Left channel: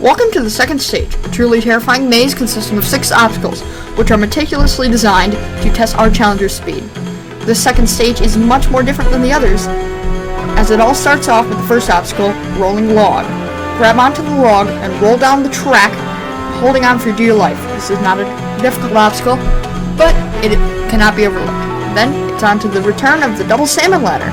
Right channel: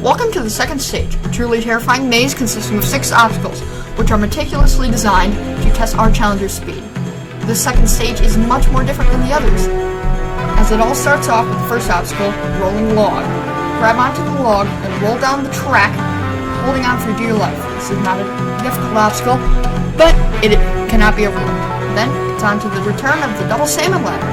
Welcome to the second stage, a truly terrifying maze consisting of 6 obstacles, which are meticulously designed to test our challenger's speed. This second stage is much more different than the others, as it all starts off with the first obstacle, rolling log. Grab onto the log and roll down the track, holding on for dear life. This is not a difficult obstacle, but it cannot be overlooked. Then, it's on to the return of the double salmon ladder.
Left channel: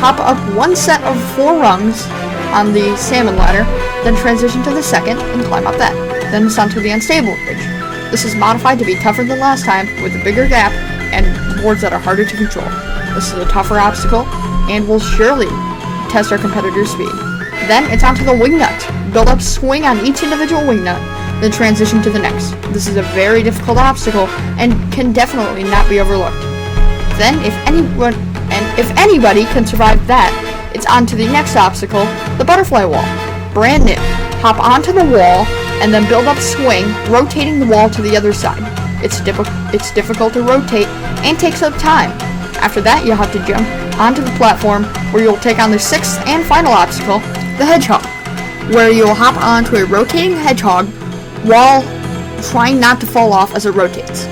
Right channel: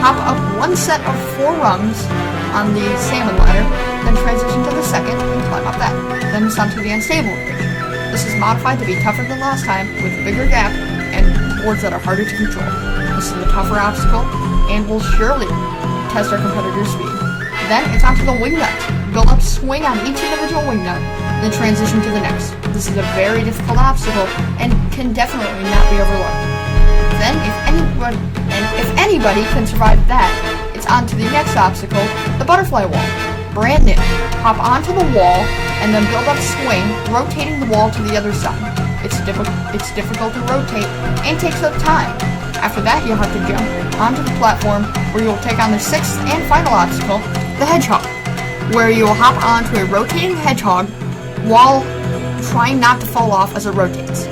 Hop up one set of 4 rungs on the salmon ladder, then transition to the second and climb up that. Then it's onto the unstable bridge. This is modified to be tougher than last time, with a bigger gap and boards that are harder to control. This is a tougher obstacle and will surely test our competitor's speed. Then it's onto the wing nut. Build up swing on each individual wing nut, then transition to the next. This is a very difficult obstacle and can definitely not be overlooked. Then if anybody can survive that, it's on to the next obstacle, the butterfly wall. Brand new. Hop onto the wall and then build up swing, rotating the wall to the other side. It's difficult to rotate and takes up time. After that, you'll have to jump onto the platform where you'll take on the 6th and final obstacle, the hedgehog, where you'll hop onto a rotating hedgehog while trying not to fall off as it rotates.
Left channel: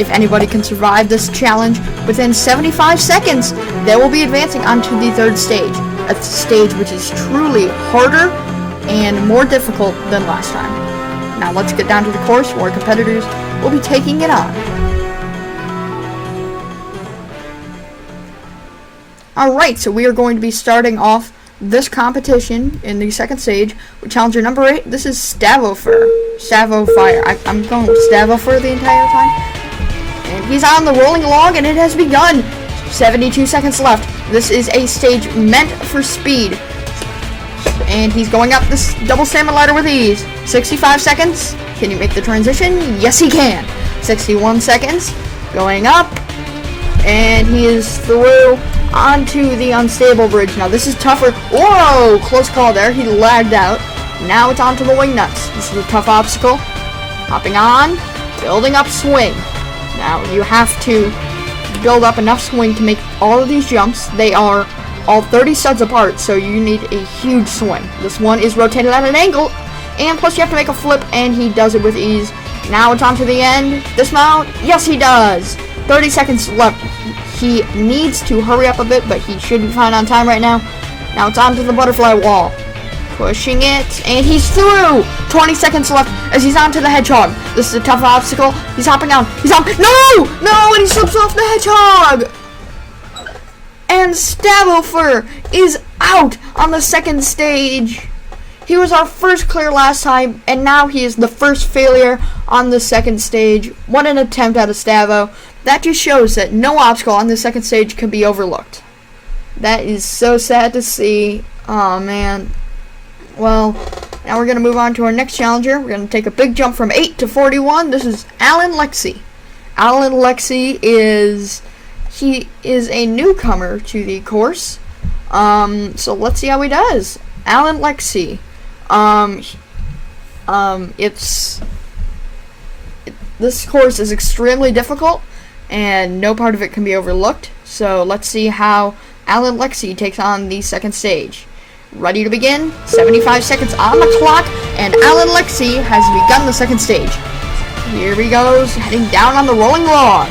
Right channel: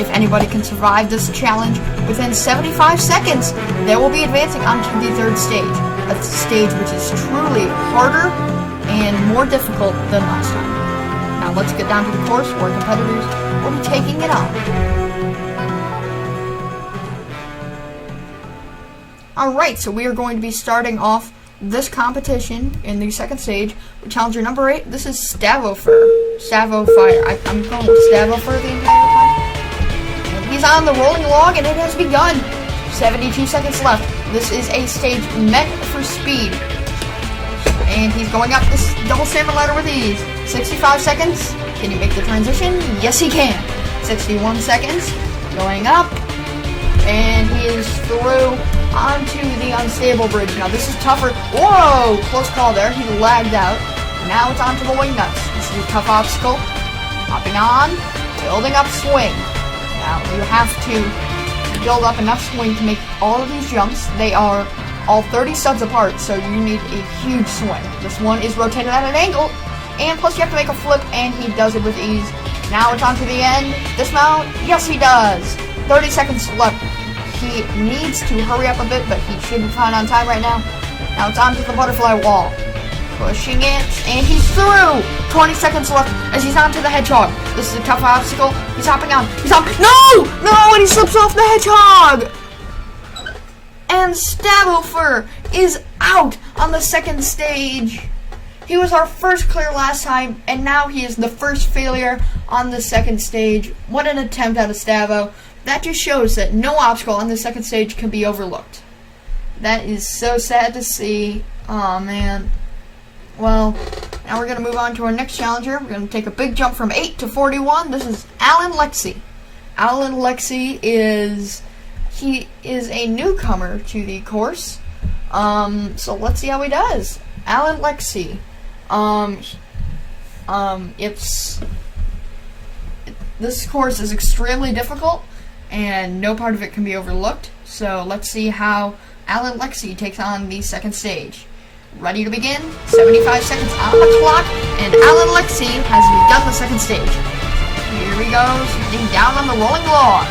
If anybody can survive this challenge within 75 seconds, they will be advancing onto the 3rd stage, a stage which is truly harder and more difficult than last time. Now let's get down to the course where our competitors will be taking it on. Alright, so we are going to be starting off this competition in the 2nd stage with challenger number 8. This is Stavofur. I'm going with Stavofur the entire time. He's on the rolling log and it has begun. 72 seconds left. This is a stage meant for speed. And he's going up this double salmon ladder with ease. 65 seconds. Can you make the transition? Yes, he can. 61 seconds. Going up. And he is through onto the unstable bridge. Now this is tougher. Whoa! Close call there. He lagged out. Now it's onto the wing nuts. This is a tough obstacle. Hopping on. Building up swing. Now, you have to build up enough swing to make all of these jumps. They are all 30 studs apart, so you need a huge swing. This one is rotated at an angle, and plus you have to make a flip, and he does it with ease. Now it's on to the end. Dismount. Yes, he does. 30 seconds left. He needs to hurry up a bit, but he should be fine on time right now. Now it's on to the butterfly wall. Pushing it, and he's through! 20 seconds left as he's onto the hedgehog. This is a tough obstacle. He's hopping on. He's on. No! No! And he slips off the hedgehog! And Stavofur is out on the 2nd stage. He was our first clear last time, and now he is the first failure on the 2nd stage. What an attempt out of Stavo. That just shows that no obstacle on the 2nd stage can be overlooked. That is so sad to see. Oh, man. Well, now we're going to move on to our next challenger. We're going to take a big jump from 8 to 41. This is Alan Lexi. Alan Lexi is a newcomer to the course. So let's see how he does. Alan Lexi. This course is extremely difficult, and no part of it can be overlooked. So let's see how Alan Lexi takes on the 2nd stage. Ready to begin? 75 seconds on the clock, and Alan Lexi has begun the 2nd stage. Here he goes, heading down on the rolling log.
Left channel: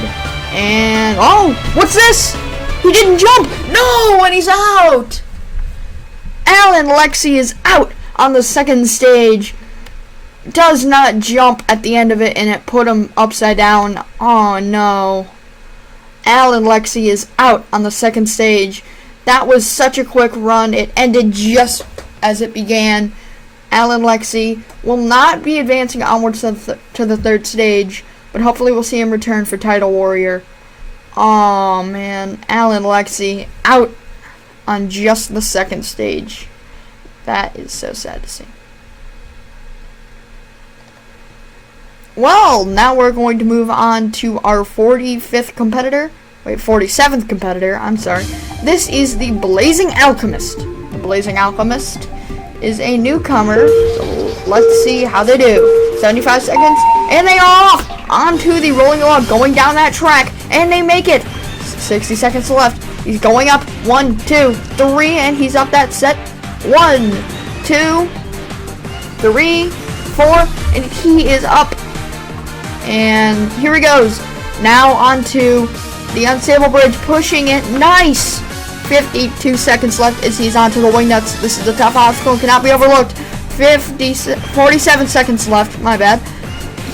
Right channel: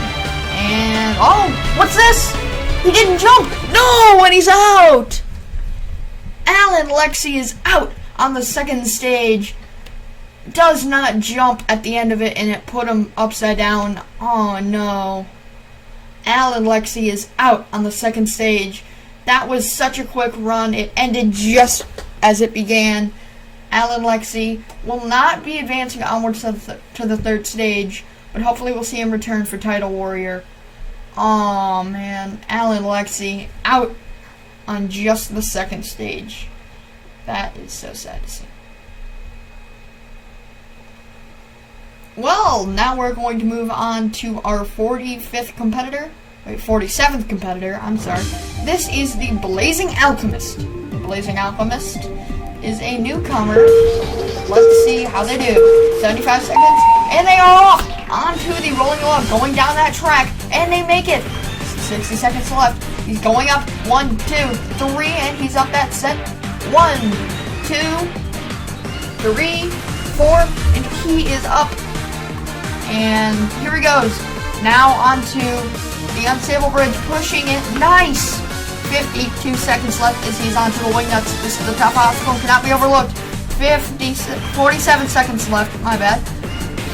And, oh, what's this? He didn't jump! No, and he's out! Alan Lexi is out on the 2nd stage. Does not jump at the end of it, and it put him upside down. Oh, no. Alan Lexi is out on the 2nd stage. That was such a quick run. It ended just as it began. Alan Lexi will not be advancing onwards to the 3rd stage, but hopefully we'll see him return for Title Warrior. Oh man, Alan Lexi out on just the 2nd stage. That is so sad to see. Well, now we're going to move on to our 47th competitor. I'm sorry. This is the Blazing Alchemist. The Blazing Alchemist is a newcomer. So let's see how they do. 75 seconds, and they are off onto the rolling log, going down that track, and they make it. 60 seconds left. He's going up. 1, 2, 3, and he's up that set. 1, 2, 3, 4, and he is up. And here he goes. Now onto the unstable bridge, pushing it. Nice! 52 seconds left as he's onto the wing nuts. This is a tough obstacle, cannot be overlooked. 47 seconds left, my bad.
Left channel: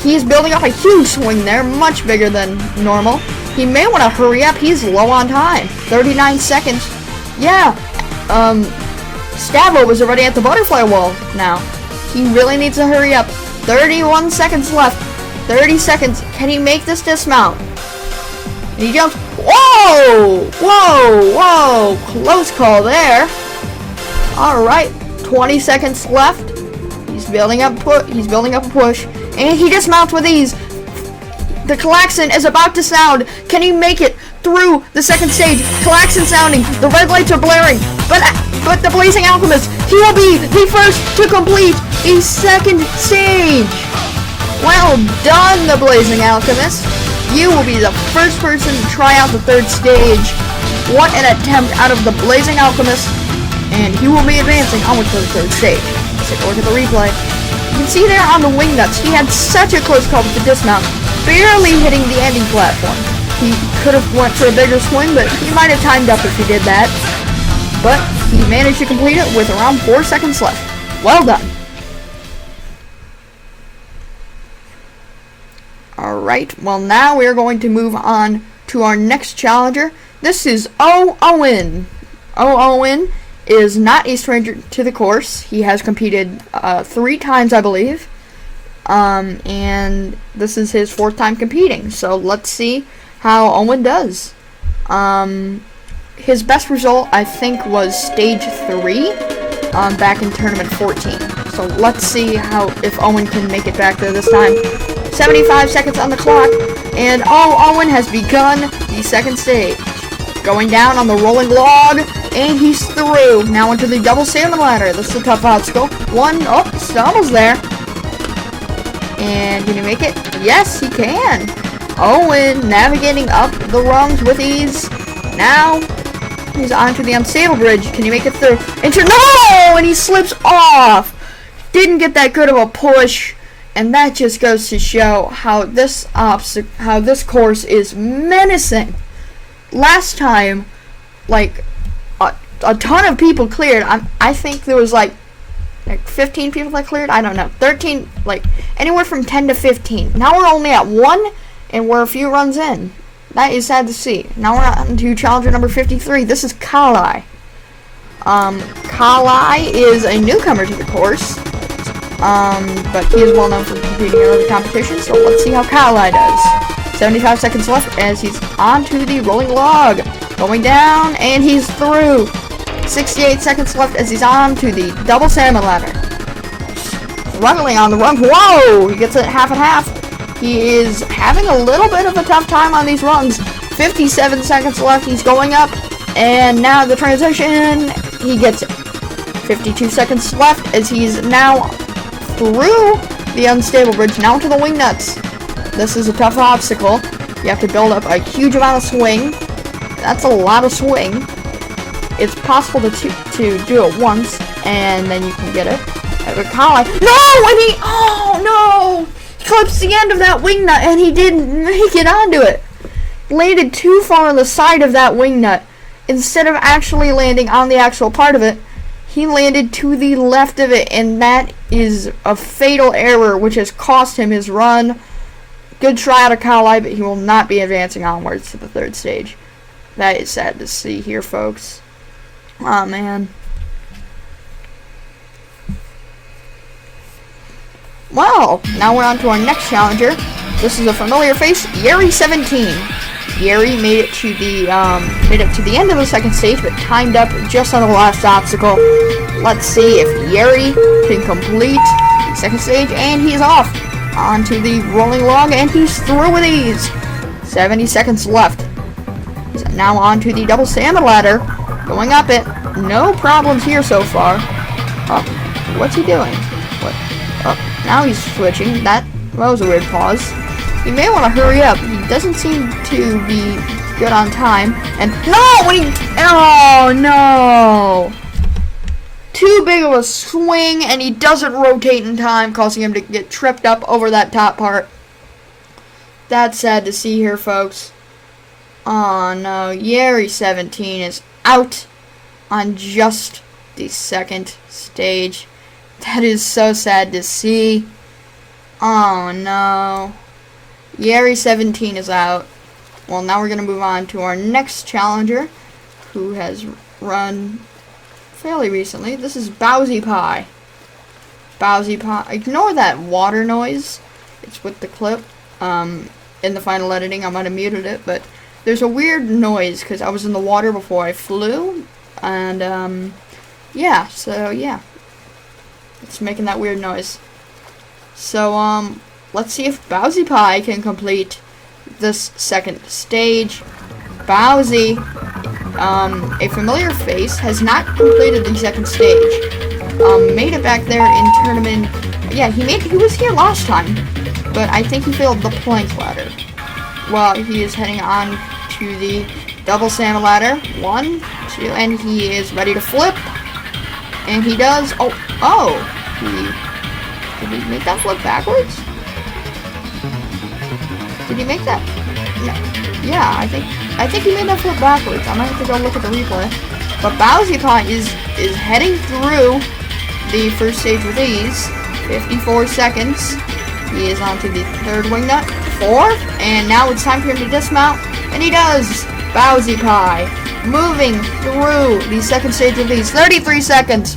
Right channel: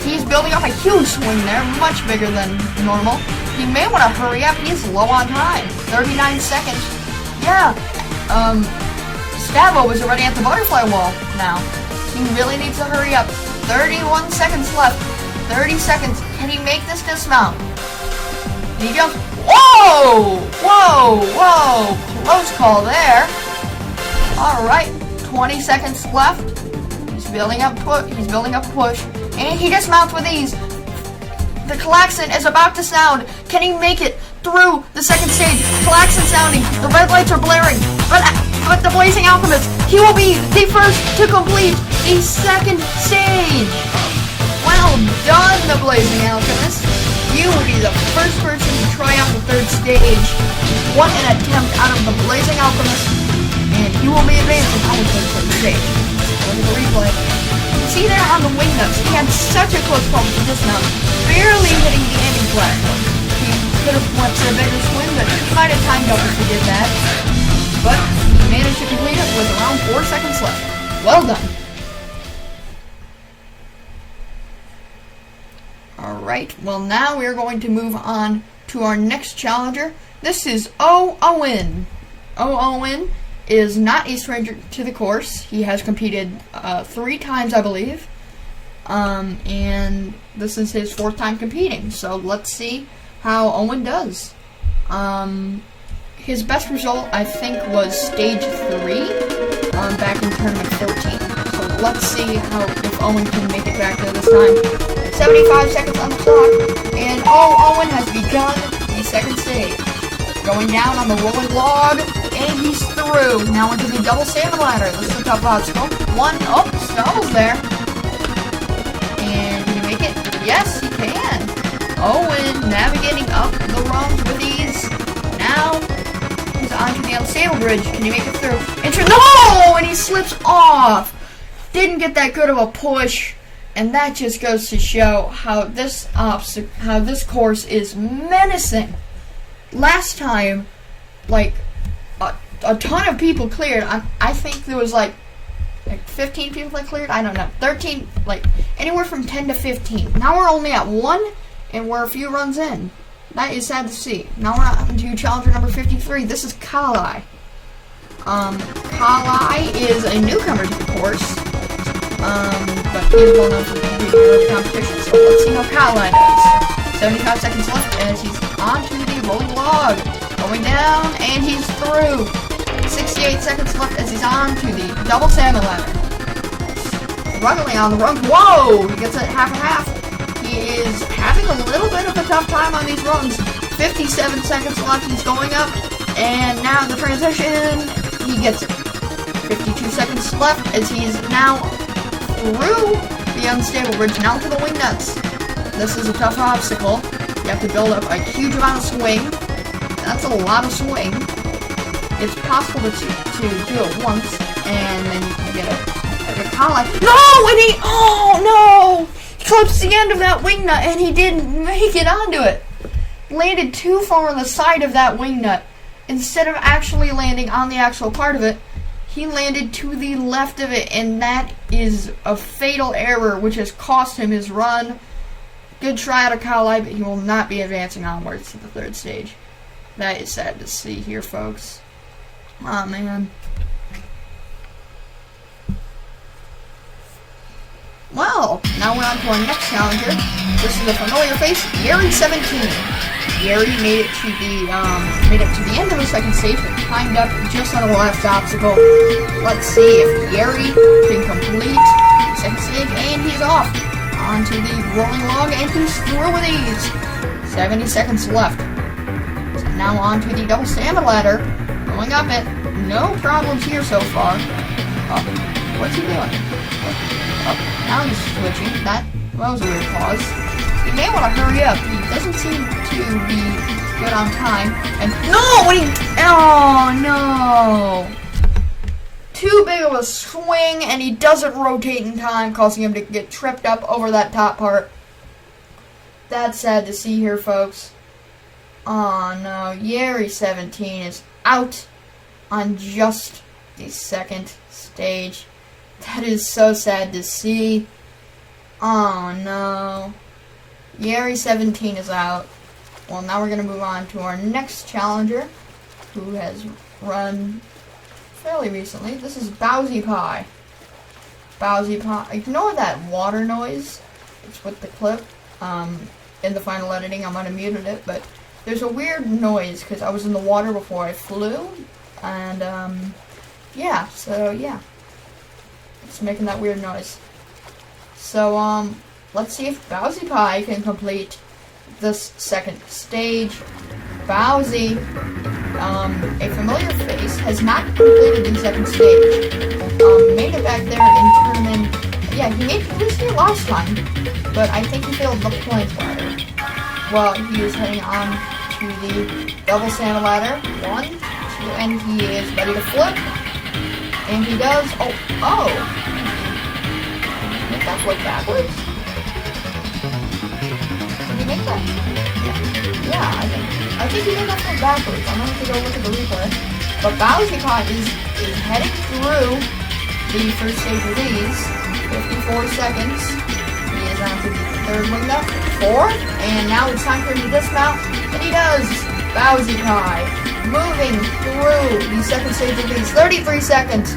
He's building up a huge swing there, much bigger than normal. He may want to hurry up, he's low on time. 39 seconds. Yeah, Stavo was already at the butterfly wall now. He really needs to hurry up. 31 seconds left. 30 seconds. Can he make this dismount? And he jumps. Whoa! Whoa! Whoa! Close call there. Alright. 20 seconds left. He's building up a push. And he dismounts with ease. The klaxon is about to sound. Can he make it through the second stage? Klaxon sounding. The red lights are blaring. But the Blazing Alchemist, he will be the first to complete the second stage. Well done, the Blazing Alchemist. You will be the first person to try out the third stage. What an attempt out of the Blazing Alchemist. And he will be advancing on the third stage. Take a look at the replay. You can see there on the wing nuts, he had such a close call with the dismount, barely hitting the ending platform. He could have went for a bigger swing, but he might have timed up if he did that. But he managed to complete it with around 4 seconds left. Well done. Alright, well now we are going to move on to our next challenger. This is Owen. Owen is not a stranger to the course. He has competed 3 times, I believe. And this is his 4th time competing. So let's see how Owen does. His best result, I think, was stage 3 back in tournament 14. So let's see if Owen can make it back there this time. 75 seconds on the clock, and Owen has begun the second stage. Going down on the rolling log, and he's through. Now into the double salmon ladder. This is a tough obstacle. Stumbles there. And can he make it? Yes, he can. Owen navigating up the rungs with ease. Now he's onto the unstable bridge. Can he make it through? No! And he slips off. Didn't get that good of a push. And that just goes to show how this course is menacing. Last time, like a ton of people cleared. I think there was like 15 people that cleared. I don't know, 13, like anywhere from 10 to 15. Now we're only at 1, and we're a few runs in. That is sad to see. Now we're on to challenger number 53. This is Kalai. Kalai is a newcomer to the course. But he is well known for competing in early competitions, so let's see how Kalai does. 75 seconds left as he's onto the rolling log. Going down, and he's through. 68 seconds left as he's onto the double salmon ladder. Struggling on the run. Whoa! He gets it half and half. He is having a little bit of a tough time on these runs. 57 seconds left. He's going up, and now the transition. He gets it. 52 seconds left as he's now through the unstable bridge, now to the wing nuts. This is a tough obstacle. You have to build up a huge amount of swing. That's a lot of swing. It's possible to do it once, and then you can get it. No! And oh no! He clips the end of that wing nut, and he didn't make it onto it. Landed too far on the side of that wing nut. Instead of actually landing on the actual part of it, he landed to the left of it, and that is a fatal error, which has cost him his run. Good try out of Kalai, but he will not be advancing onwards to the third stage. That is sad to see here, folks. Aw, man. Well, now we're on to our next challenger. This is a familiar face, Yeri17. Yeri made it to the end of the second stage, but timed up just on the last obstacle. Let's see if Yeri can complete the second stage, and he's off onto the rolling log, and he's through with ease. 70 seconds left. So now onto the double salmon ladder, going up it. No problems here so far. Oh, what's he doing? What? Oh, now he's switching. That was a weird pause. He may want to hurry up. He doesn't seem to be good on time. And no! Oh no! too big of a swing, and he doesn't rotate in time, causing him to get tripped up over that top part. That's sad to see here, folks. Oh no, Yeri 17 is out on just the second stage. That is so sad to see. Oh no. Yeri 17 is out. Well, now we're going to move on to our next challenger, who has run fairly recently. This is Bowsy Pie. Bowsy Pie. Ignore that water noise. It's with the clip. In the final editing, I might have muted it, but there's a weird noise because I was in the water before I flew, and yeah, so yeah, it's making that weird noise. So let's see if Bowsy Pie can complete this second stage. Bowsy, a familiar face, has not completed the second stage. Made it back there in tournament. Yeah, he was here last time, but I think he failed the plank ladder. Well, he is heading on to the double salmon ladder. 1, 2, and he is ready to flip. And he does. Did he make that flip backwards? Did he make that? Yeah, I think he made that flip backwards. I'm gonna have to go look at the replay. But Bowsy Pie is heading through the first stage with ease. 54 seconds. He is on to the third wing nut. 4. And now it's time for him to dismount. And he does. Bowsy Pie moving through the second stage of ease. 33 seconds.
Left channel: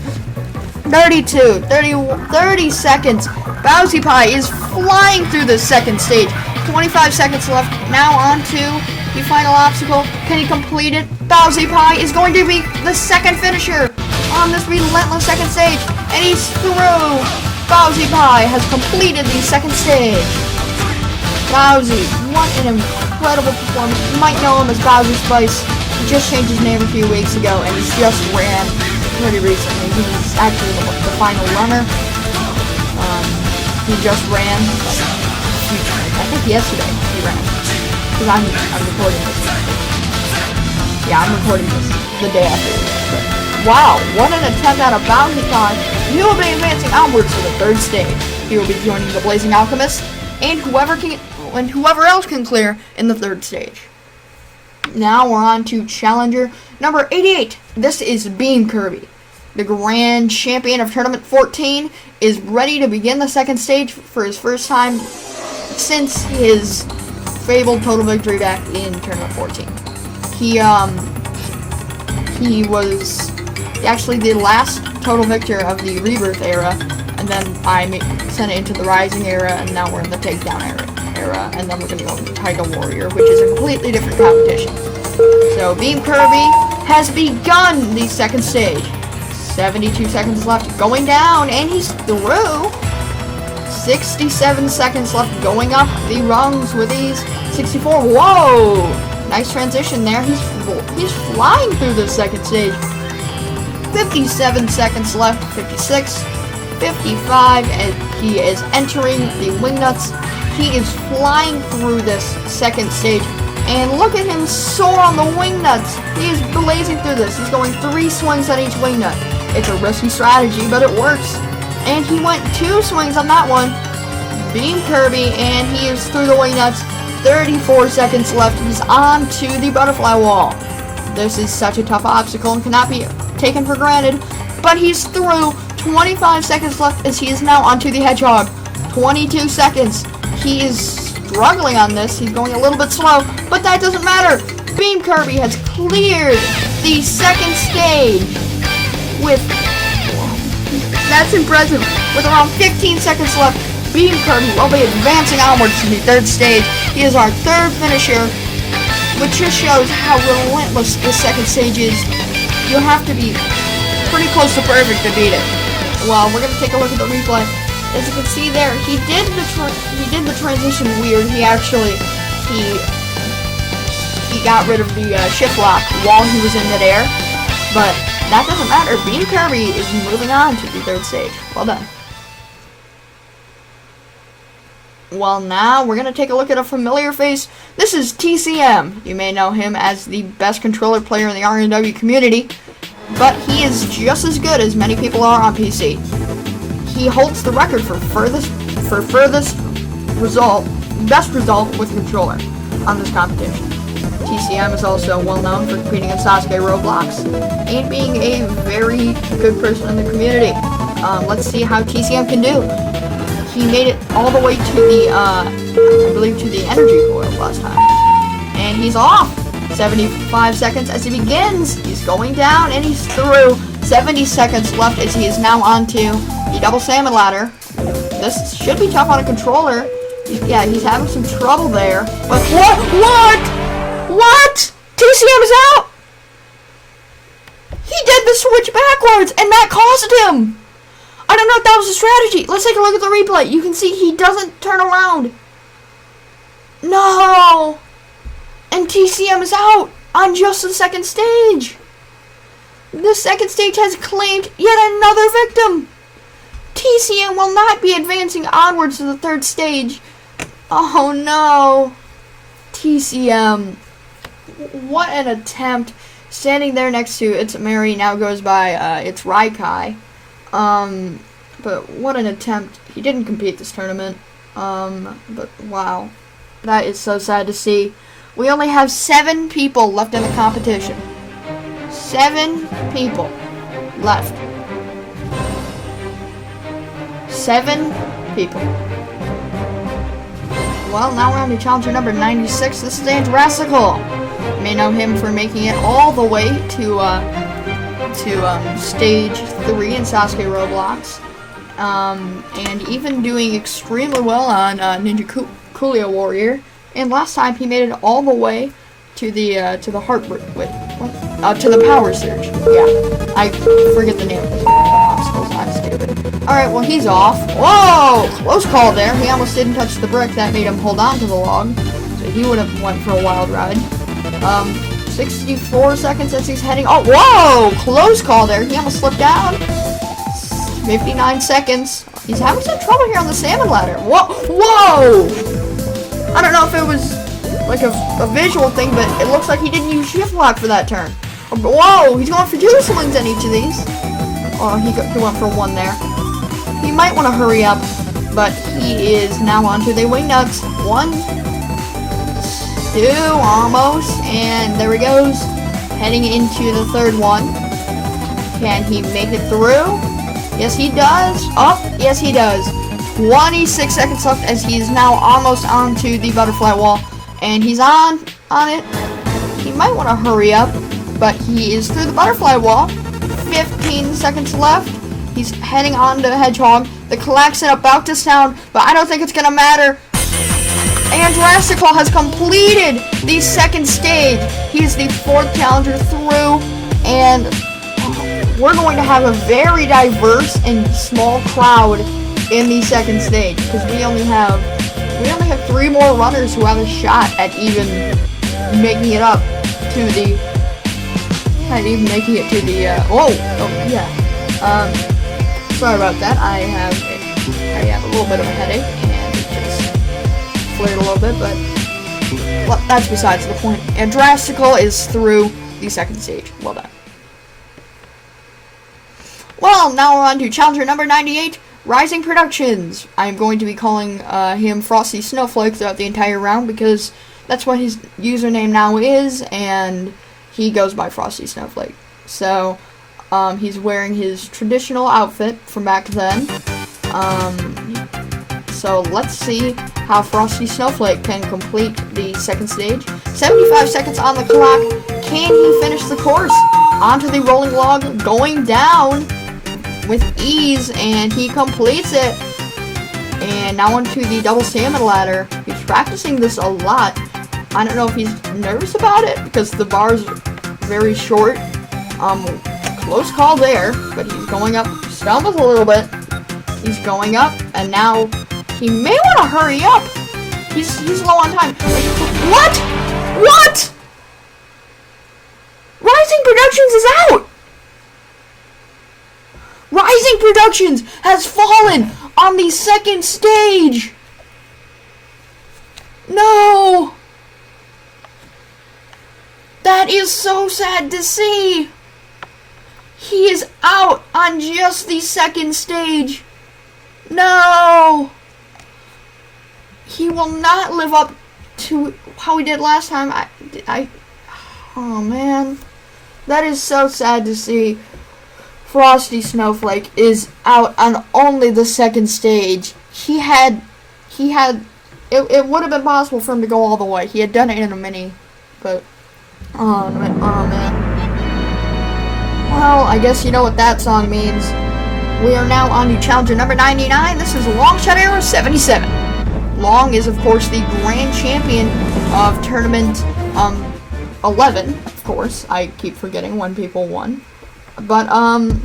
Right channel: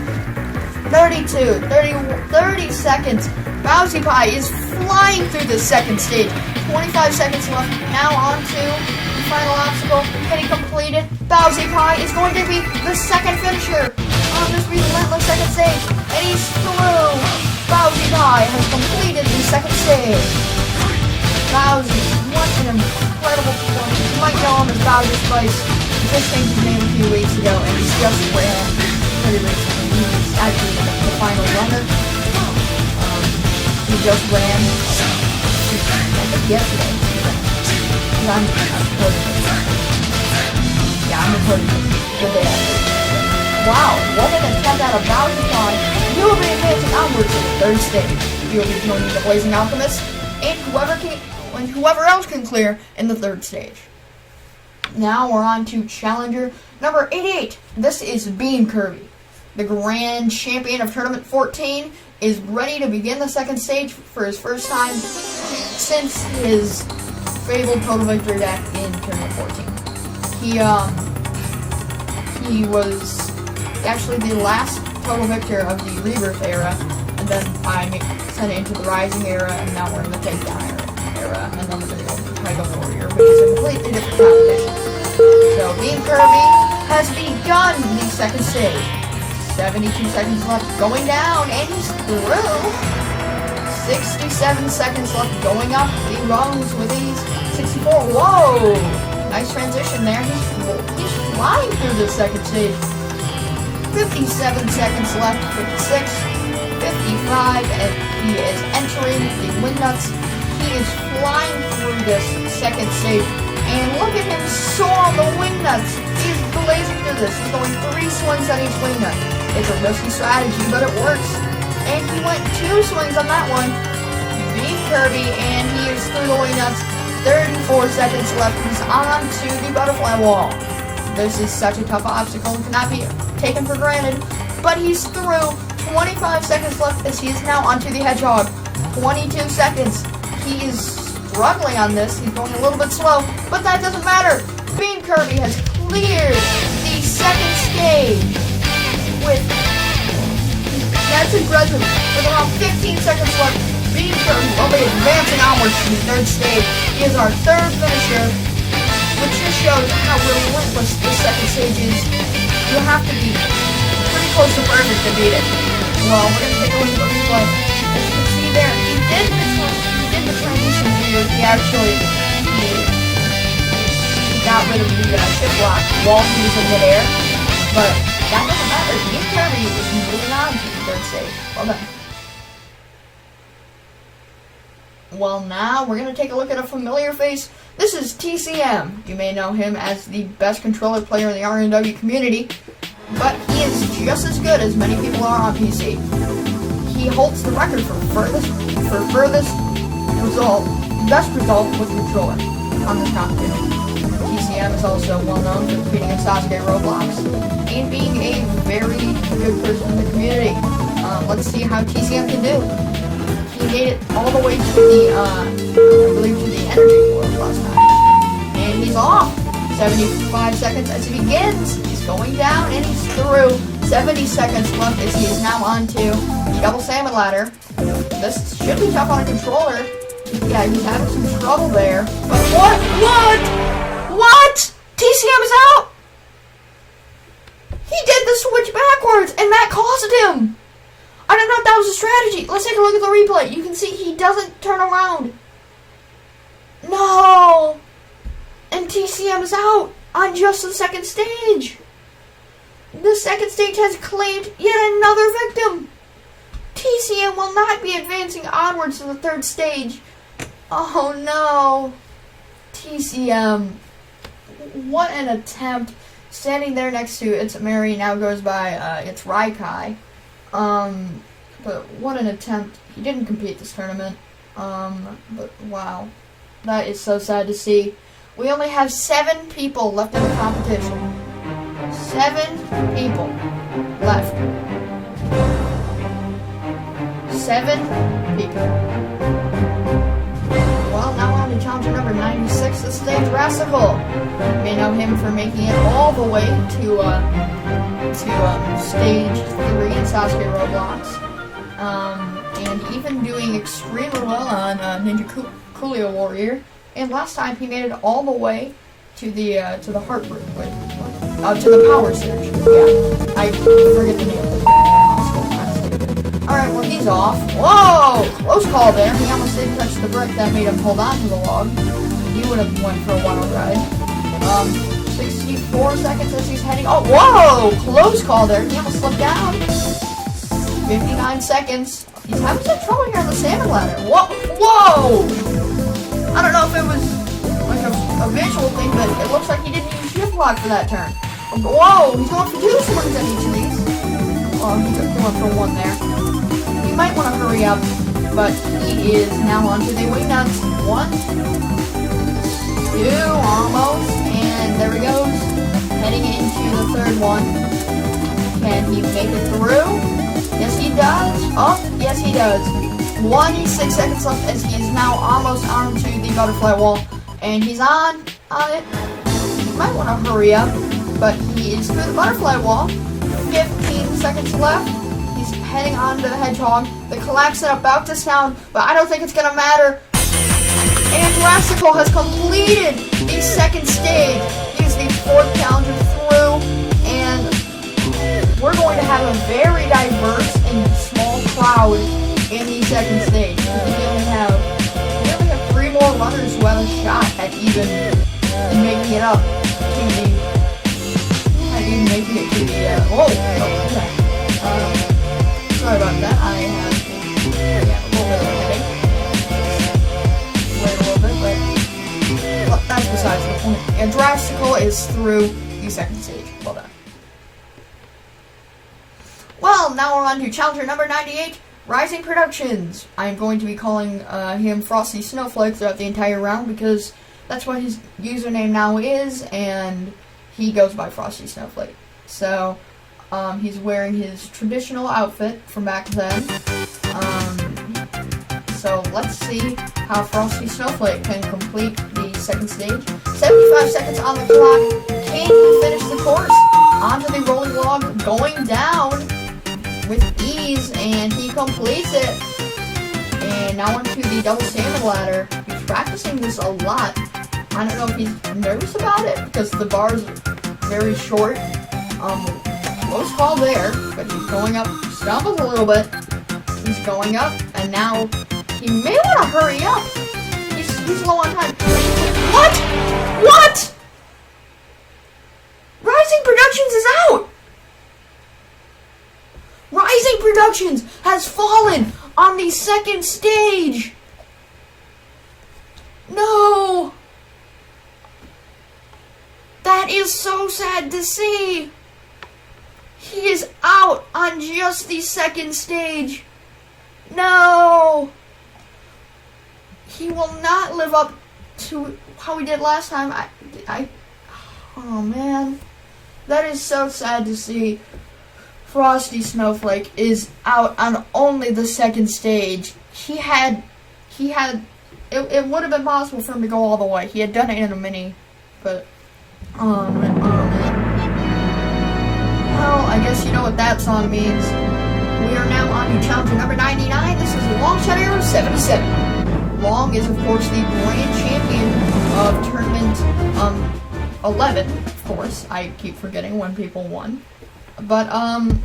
32. 30 seconds. Bowsy Pie is flying through the second stage. 25 seconds left. Now on to the final obstacle. Can he complete it? Bowsy Pie is going to be the second finisher on this relentless second stage. And he's through. Bowsy Pie has completed the second stage. Bowsy, what an incredible performance. You might know him as Bowsy Spice. He just changed his name a few weeks ago, and he's just ran pretty recently. He was actually the final runner. He just ran, I think yesterday, because I'm recording. Yeah, I'm recording the day after. Wow, what an attempt out of Bowsy Pie. He will be advancing onwards to the third stage. He will be joining the Blazing Alchemist and whoever else can clear in the third stage. Now we're on to challenger number 88. This is Beam Kirby. The grand champion of tournament 14 is ready to begin the second stage for his first time since his fabled total victory deck in tournament 14. He was actually the last total victor of the Rebirth era, and then I sent it into the Rising era, and now we're in the Takedown era, and then we're going to go to the Tiger Warrior, which is a completely different competition. So Beam Kirby has begun the second stage. 72 seconds left, going down, and he's through. 67 seconds left, going up the rungs with these. 64, whoa! Nice transition there. He's flying through the second stage. 57 seconds left, 56, 55, and he is entering the wingnuts. He is flying through this second stage, and look at him soar on the wingnuts. He is blazing through this. He's going 3 swings on each wingnut. It's a risky strategy, but it works. And he went 2 swings on that one. Beam Kirby, and he is through the wingnuts. 34 seconds left. He's on to the butterfly wall. This is such a tough obstacle and cannot be taken for granted, but he's through. 25 seconds left as he is now onto the hedgehog. 22 seconds. He is struggling on this. He's going a little bit slow, but that doesn't matter. Beam Kirby has cleared the second stage that's impressive. With around 15 seconds left, Beam Kirby will be advancing onwards to the third stage. He is our third finisher, which just shows how relentless this second stage is. You have to be pretty close to perfect to beat it. Well, we're gonna take a look at the replay. As you can see there, he did the transition weird. He got rid of the shift lock while he was in midair, but that doesn't matter. Beam Kirby is moving on to the third stage. Well done. Well, now we're going to take a look at a familiar face. This is TCM. You may know him as the best controller player in the RNW community. but he is just as good as many people are on PC. He holds the record for furthest result, best result with controller on this competition. TCM is also well known for competing in Sasuke Roblox and being a very good person in the community. Let's see how TCM can do. He made it all the way to the, I believe, to the energy board last time, and he's off. 75 seconds as he begins. He's going down and he's through. 70 seconds left as he is now onto the double salmon ladder. This should be tough on a controller. Yeah, he's having some trouble there. But what? TCM is out! He did the switch backwards and that cost him! I don't know if that was a strategy. Let's take a look at the replay. You can see he doesn't turn around. No! And TCM is out on just the second stage. The second stage has claimed yet another victim. TCM will not be advancing onwards to the third stage. Oh no. TCM. What an attempt. Standing there next to It's Mary, now goes by It's Raikai. But what an attempt. He didn't compete this tournament. But wow. That is so sad to see. We only have 7 people left in the competition. 7 people left. 7 people. Well, now we're on to challenger number 96. This is Andrasical. You may know him for making it all the way to stage 3 in Sasuke Roblox. And even doing extremely well on Ninja Coolio Warrior. And last time he made it all the way to the heart to the power surge. Yeah, I forget the name of the Alright, well he's off. Whoa! Close call there. He almost didn't touch the brick. That made him hold on to the log. He would have went for a wild ride. 64 seconds as he's heading. Oh, whoa! Close call there. He almost slipped out. 59 seconds. He's having some trouble here on the salmon ladder. Whoa! I don't know if it was like a visual thing, but it looks like he didn't use shift lock for that turn. Whoa, he's going for 2 slings in each of these. Oh, he went for 1 there. He might want to hurry up, but he is now onto the wing nuts. 1, 2, almost, and there he goes. Heading into the third one. Can he make it through? Yes, he does. Oh, yes, he does. 26 seconds left as he is now almost onto the butterfly wall. And he's on it. He might want to hurry up, but he is through the butterfly wall. 15 seconds left. He's heading on to the hedgehog. The klaxon about to sound, but I don't think it's going to matter. And Rastical has completed the second stage. He is the 4th challenger through, and we're going to have a very diverse and small crowd in the second stage, because we only have 3 more runners who have a shot at even making it up to the sorry about that. I have a little bit of a headache and just played a little bit, but that's besides the point. And Drastical is through the second stage. Well done. Well, now we're on to challenger number 98. Rising Productions. I'm going to be calling him Frosty Snowflake throughout the entire round because that's what his username now is, and he goes by Frosty Snowflake. So, he's wearing his traditional outfit from back then. So let's see how Frosty Snowflake can complete the second stage. 75 seconds on the clock. Can he finish the course? Onto the rolling log, going down with ease, and he completes it. And now onto the double salmon ladder. He's practicing this a lot. I don't know if he's nervous about it because the bar's very short. Close call there, but he's going up. Stumbles a little bit. He's going up, and now he may want to hurry up. He's low on time. What? Rising Productions is out. Rising Productions has fallen on the second stage. No. That is so sad to see. He is out on just the second stage. No! He will not live up to how he did last time. Oh man. That is so sad to see. Frosty Snowflake is out on only the second stage. It would have been possible for him to go all the way. He had done it in a mini, but, oh man. Well, I guess you know what that song means. We are now on to challenger number 99. This is Long Shot Arrow 77. Long is, of course, the grand champion of tournament 11, of course. I keep forgetting when people won. But,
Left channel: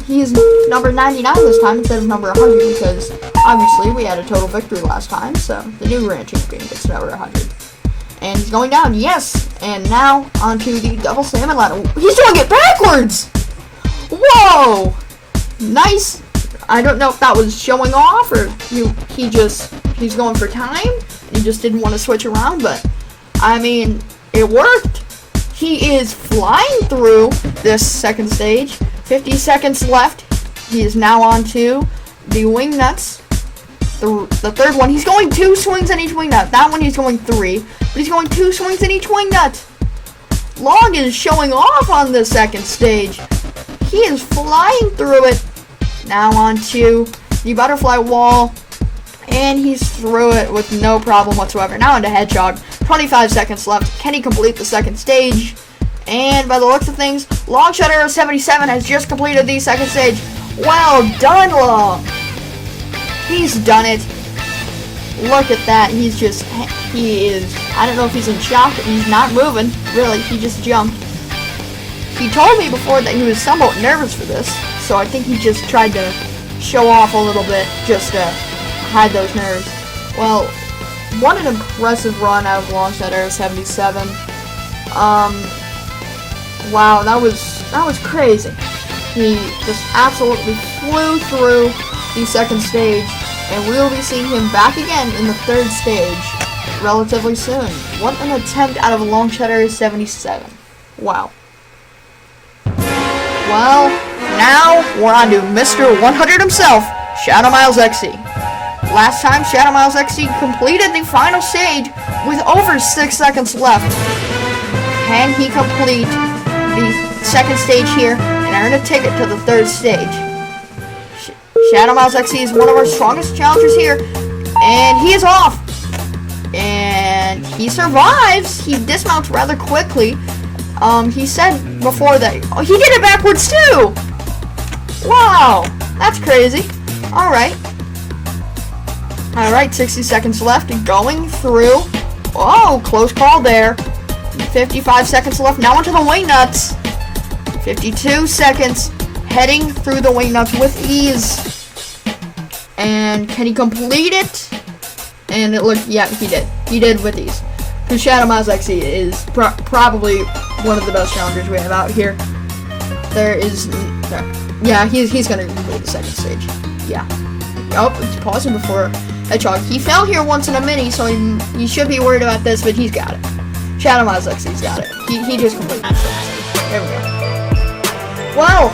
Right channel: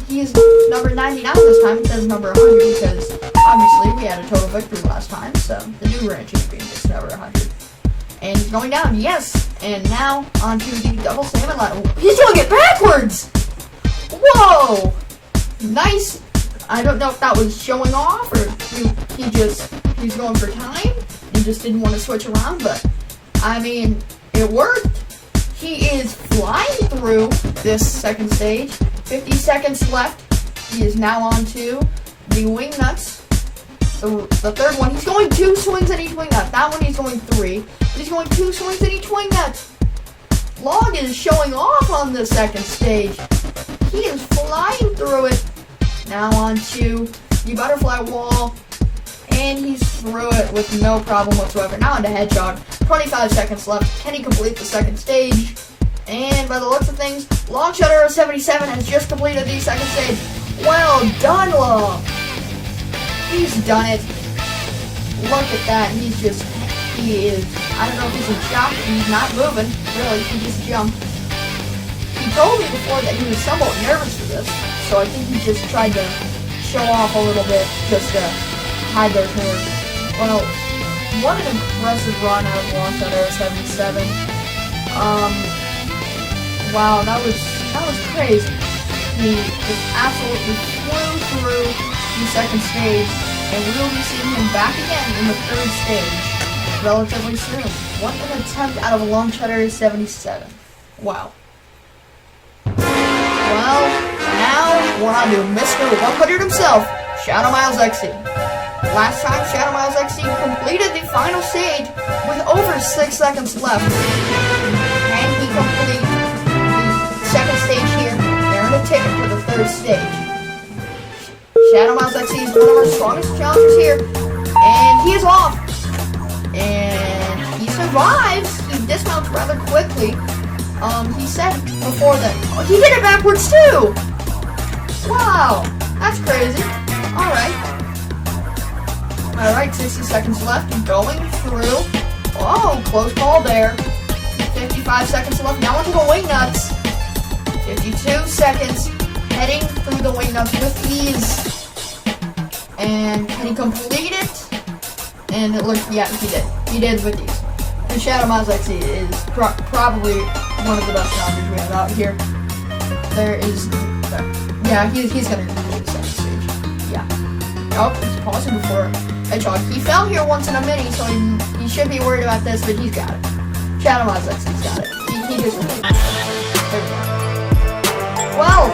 he's number 99 this time instead of number 100 because, obviously, we had a total victory last time, so the new grand champion gets number 100. And he's going down, yes! And now, onto the double salmon ladder. He's doing it backwards! Whoa! Nice! I don't know if that was showing off, or he's going for time. He just didn't want to switch around, but, I mean, it worked. He is flying through this second stage. 50 seconds left. He is now on to the wing nuts. The third one. He's going 2 swings in each wing nut. That one he's going 3. But he's going 2 swings in each wing nut. Long is showing off on the second stage. He is flying through it. Now on to the butterfly wall. And he's through it with no problem whatsoever. Now onto Hedgehog. 25 seconds left. Can he complete the second stage? And by the looks of things, Long Shot Arrow 77 has just completed the second stage. Well done, Long! He's done it. Look at that. He is, I don't know if he's in shock. He's not moving. Really, he just jumped. He told me before that he was somewhat nervous for this. So I think he just tried to show off a little bit just to hide those nerves. Well, what an impressive run out of Long Shot Arrow 77. Wow, that was crazy. He just absolutely flew through the second stage, and we'll be seeing him back again in the third stage relatively soon. What an attempt out of Long Shot Arrow 77. Wow. Well, now we're on to Mr. 100 himself, Shadow Miles XC. Last time, Shadow Miles XC completed the final stage with over 6 seconds left. Can he complete the second stage here and earn a ticket to the third stage? Shadow Miles XC is one of our strongest challengers here, and he is off. And he survives. He dismounts rather quickly. He said before that, oh, he did it backwards too. Wow, that's crazy. Alright, 60 seconds left and going through. Oh, close call there. 55 seconds left. Now onto the wing nuts. 52 seconds. Heading through the wing nuts with ease. And can he complete it? And it looked, yeah, he did. He did with ease. The Shadow Miles XC is probably one of the best challengers we have out here. Yeah, he's gonna complete the second stage. Yeah. Oh, he's pausing before Hedgehog. He fell here once in a mini, so he should be worried about this, but he's got it. Shadow Miles XC's got it. He just completed it. There we go. Well,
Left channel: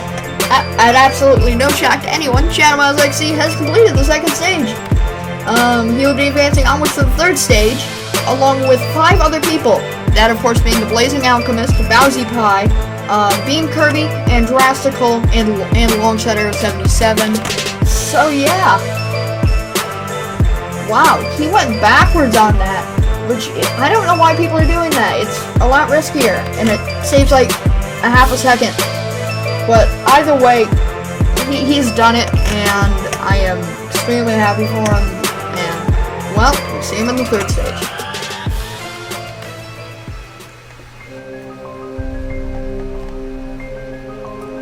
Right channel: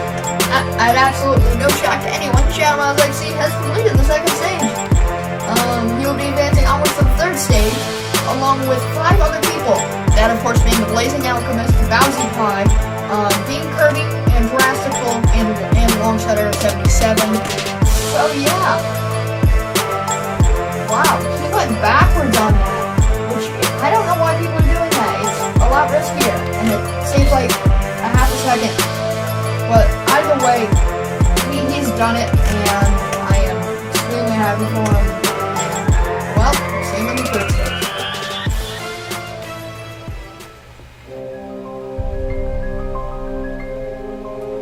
at absolutely no shock to anyone, Shadow Miles XC has completed the second stage. He will be advancing onwards to the third stage, along with 5 other people. That, of course, being the Blazing Alchemist, Bowsy Pie, Bean Kirby, and Drastical, and Long Shot Arrow 77. So, yeah. Wow, he went backwards on that, which I don't know why people are doing that. It's a lot riskier, and it saves like a half a second. But either way, he's done it, and I am extremely happy for him. And, well, we'll see him in the third stage.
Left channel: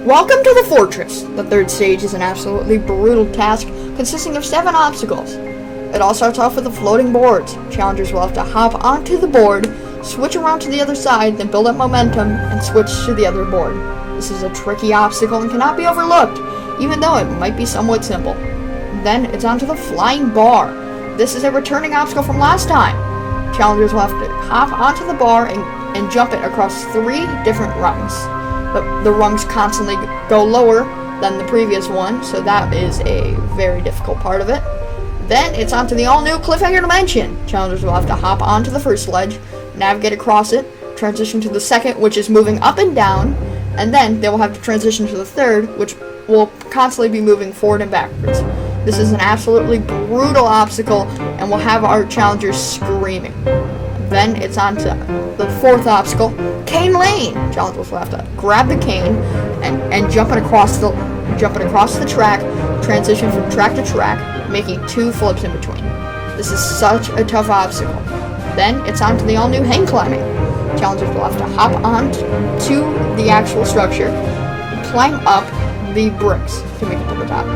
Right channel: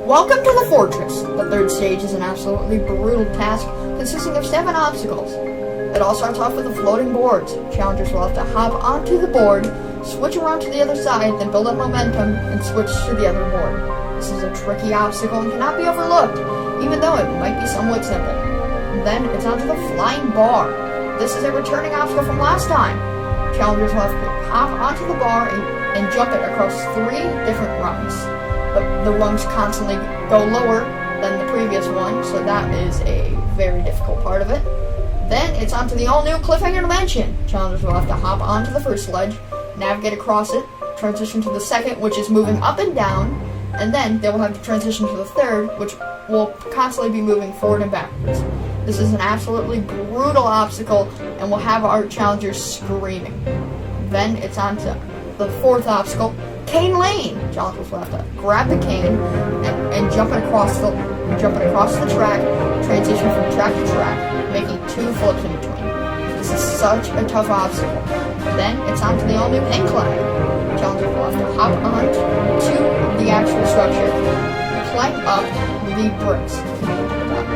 Welcome to the Fortress. The third stage is an absolutely brutal task consisting of 7 obstacles. It all starts off with the floating boards. Challengers will have to hop onto the board, switch around to the other side, then build up momentum, and switch to the other board. This is a tricky obstacle and cannot be overlooked, even though it might be somewhat simple. Then it's onto the flying bar. This is a returning obstacle from last time. Challengers will have to hop onto the bar and jump it across 3 different rungs. the rungs constantly go lower than the previous one, so that is a very difficult part of it. Then it's onto the all-new cliffhanger dimension. Challengers will have to hop onto the first ledge, navigate across it, transition to the second, which is moving up and down, and then they will have to transition to the third, which will constantly be moving forward and backwards. This is an absolutely brutal obstacle, and will have our challengers screaming. Then it's on to the fourth obstacle, Cane Lane. Challengers will have to grab the cane and jumping across the track, transition from track to track, making 2 flips in between. This is such a tough obstacle. Then it's on to the all-new hang climbing. Challengers will have to hop on to the actual structure, climb up the bricks to make it to the top.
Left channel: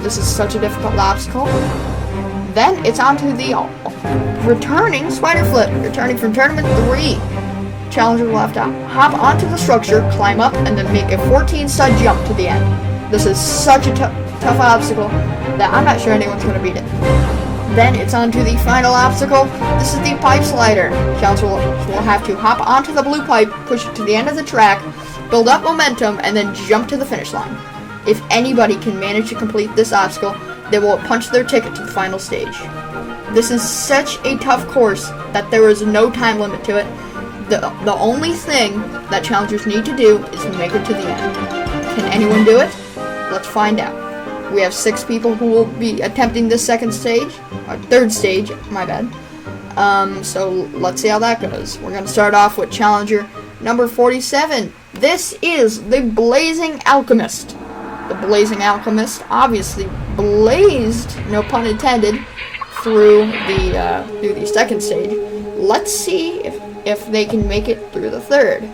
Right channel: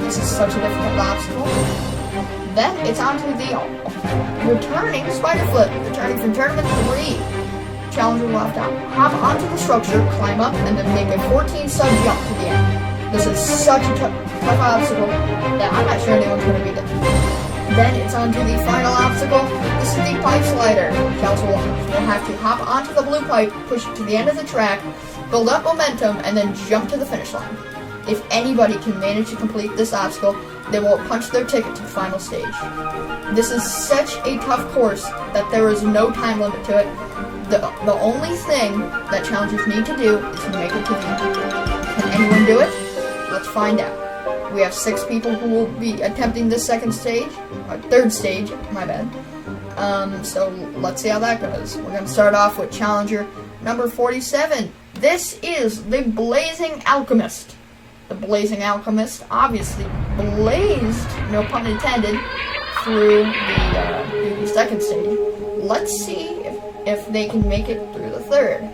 This is such a difficult obstacle. Then it's on to the returning spider flip, returning from tournament 3. Challenger will have to hop onto the structure, climb up, and then make a 14-stud jump to the end. This is such a tough obstacle that I'm not sure anyone's going to beat it. Then it's on to the final obstacle. This is the pipe slider. Challenger will have to hop onto the blue pipe, push it to the end of the track, build up momentum, and then jump to the finish line. If anybody can manage to complete this obstacle, they will punch their ticket to the final stage. This is such a tough course that there is no time limit to it. The only thing that challengers need to do is make it to the end. Can anyone do it? Let's find out. We have 6 people who will be attempting this third stage, my bad. So let's see how that goes. We're going to start off with challenger number 47. This is the Blazing Alchemist. The Blazing Alchemist obviously blazed, no pun intended, through the second stage. Let's see if they can make it through the third.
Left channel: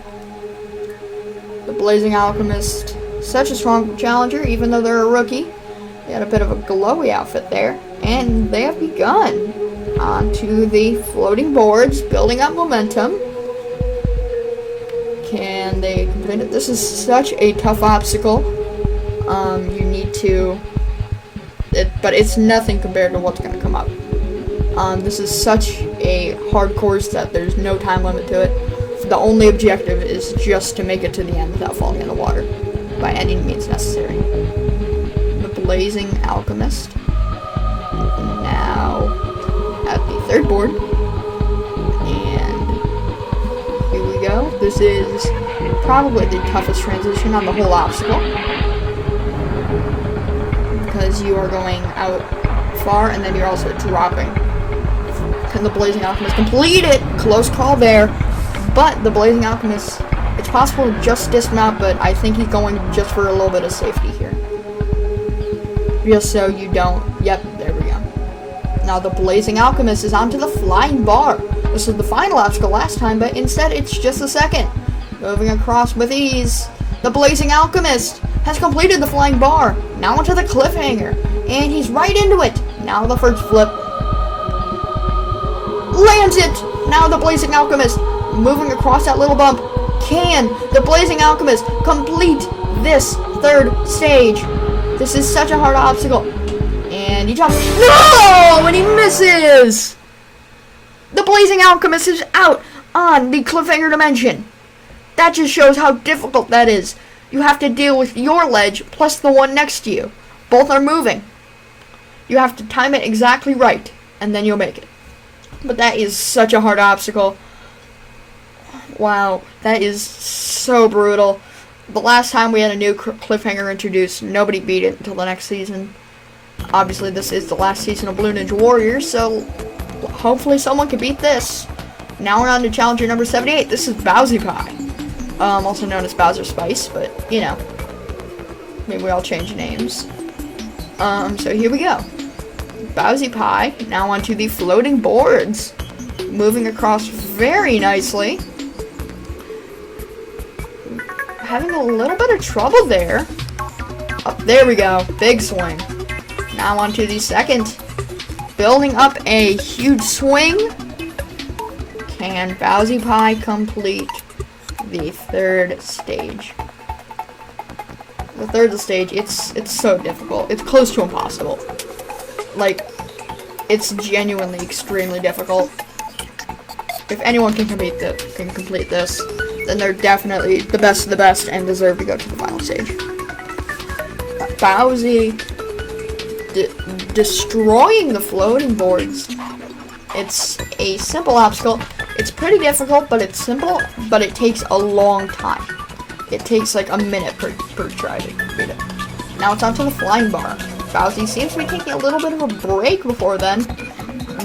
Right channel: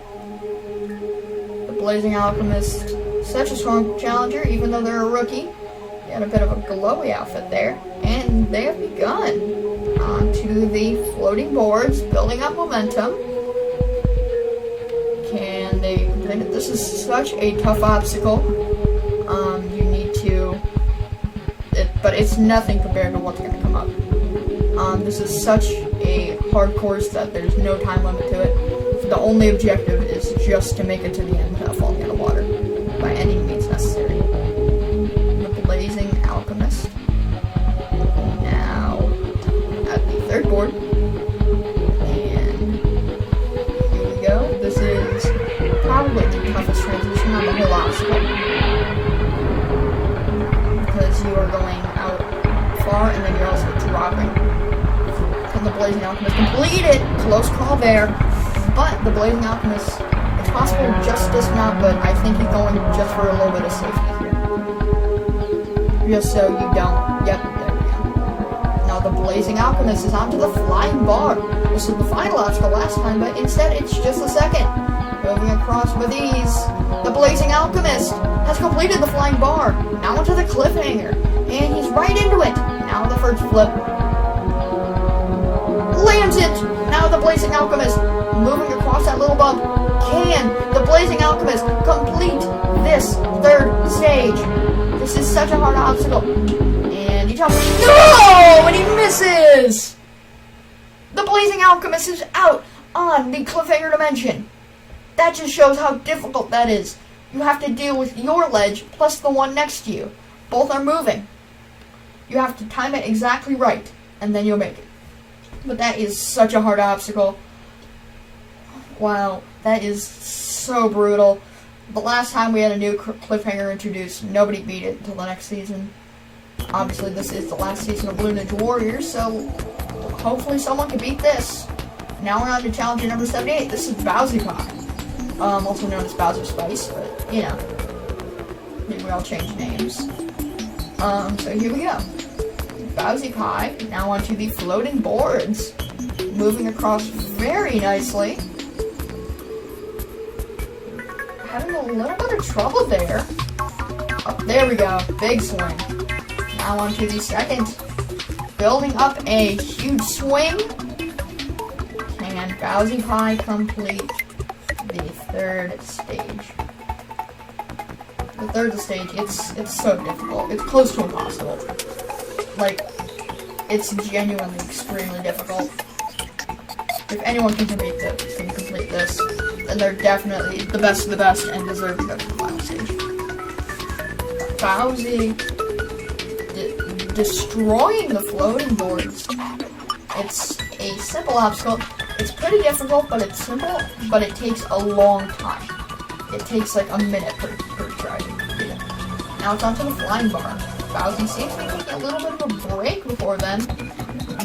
The Blazing Alchemist, such a strong challenger, even though they're a rookie. They had a bit of a glowy outfit there, and they have begun onto the floating boards, building up momentum. Can they complete it? This is such a tough obstacle. You need to, but it's nothing compared to what's going to come up. This is such a hard course that there's no time limit to it. The only objective is just to make it to the end without falling in the water by any means necessary. The Blazing Alchemist. Now at the third board. And here we go. This is probably the toughest transition on the whole obstacle. Because you are going out far and then you're also dropping. Can the Blazing Alchemist complete it? Close call there. But the Blazing Alchemist, it's possible to just dismount, but I think he's going just for a little bit of safety here. Just so you don't. Yep, there we go. Now the Blazing Alchemist is onto the flying bar. This is the final obstacle last time, but instead it's just the second. Moving across with ease. The Blazing Alchemist has completed the flying bar. Now onto the cliffhanger. And he's right into it. Now the first flip. Lands it! Now the Blazing Alchemist, moving across that little bump. Can the Blazing Alchemist complete this third stage? This is such a hard obstacle. And he jumps. No! And he misses! The Blazing Alchemist is out on the cliffhanger dimension. That just shows how difficult that is. You have to deal with your ledge plus the one next to you. Both are moving. You have to time it exactly right, and then you'll make it. But that is such a hard obstacle. Wow, that is so brutal. The last time we had a new cliffhanger introduced, nobody beat it until the next season. Obviously, this is the last season of Blue Ninja Warriors, so hopefully someone can beat this. Now we're on to challenger number 78. This is Bowsy Pie. Also known as Bowser Spice, but, you know, maybe we all change names. So here we go. Bowsy Pie, now onto the floating boards. Moving across very nicely. Having a little bit of trouble there. Oh, there we go. Big swing. Now onto the second. Building up a huge swing. Can Bowsy Pie complete the third stage? The third stage, it's so difficult. It's close to impossible. Like, it's genuinely extremely difficult. If anyone can complete this, then they're definitely the best of the best and deserve to go to the final stage. Bowsy destroying the floating boards. It's a simple obstacle. It's pretty difficult, but it's simple, but it takes a long time. It takes like a minute per try to beat it. Now it's onto the flying bar. Bowsy seems to be taking a little bit of a break before then.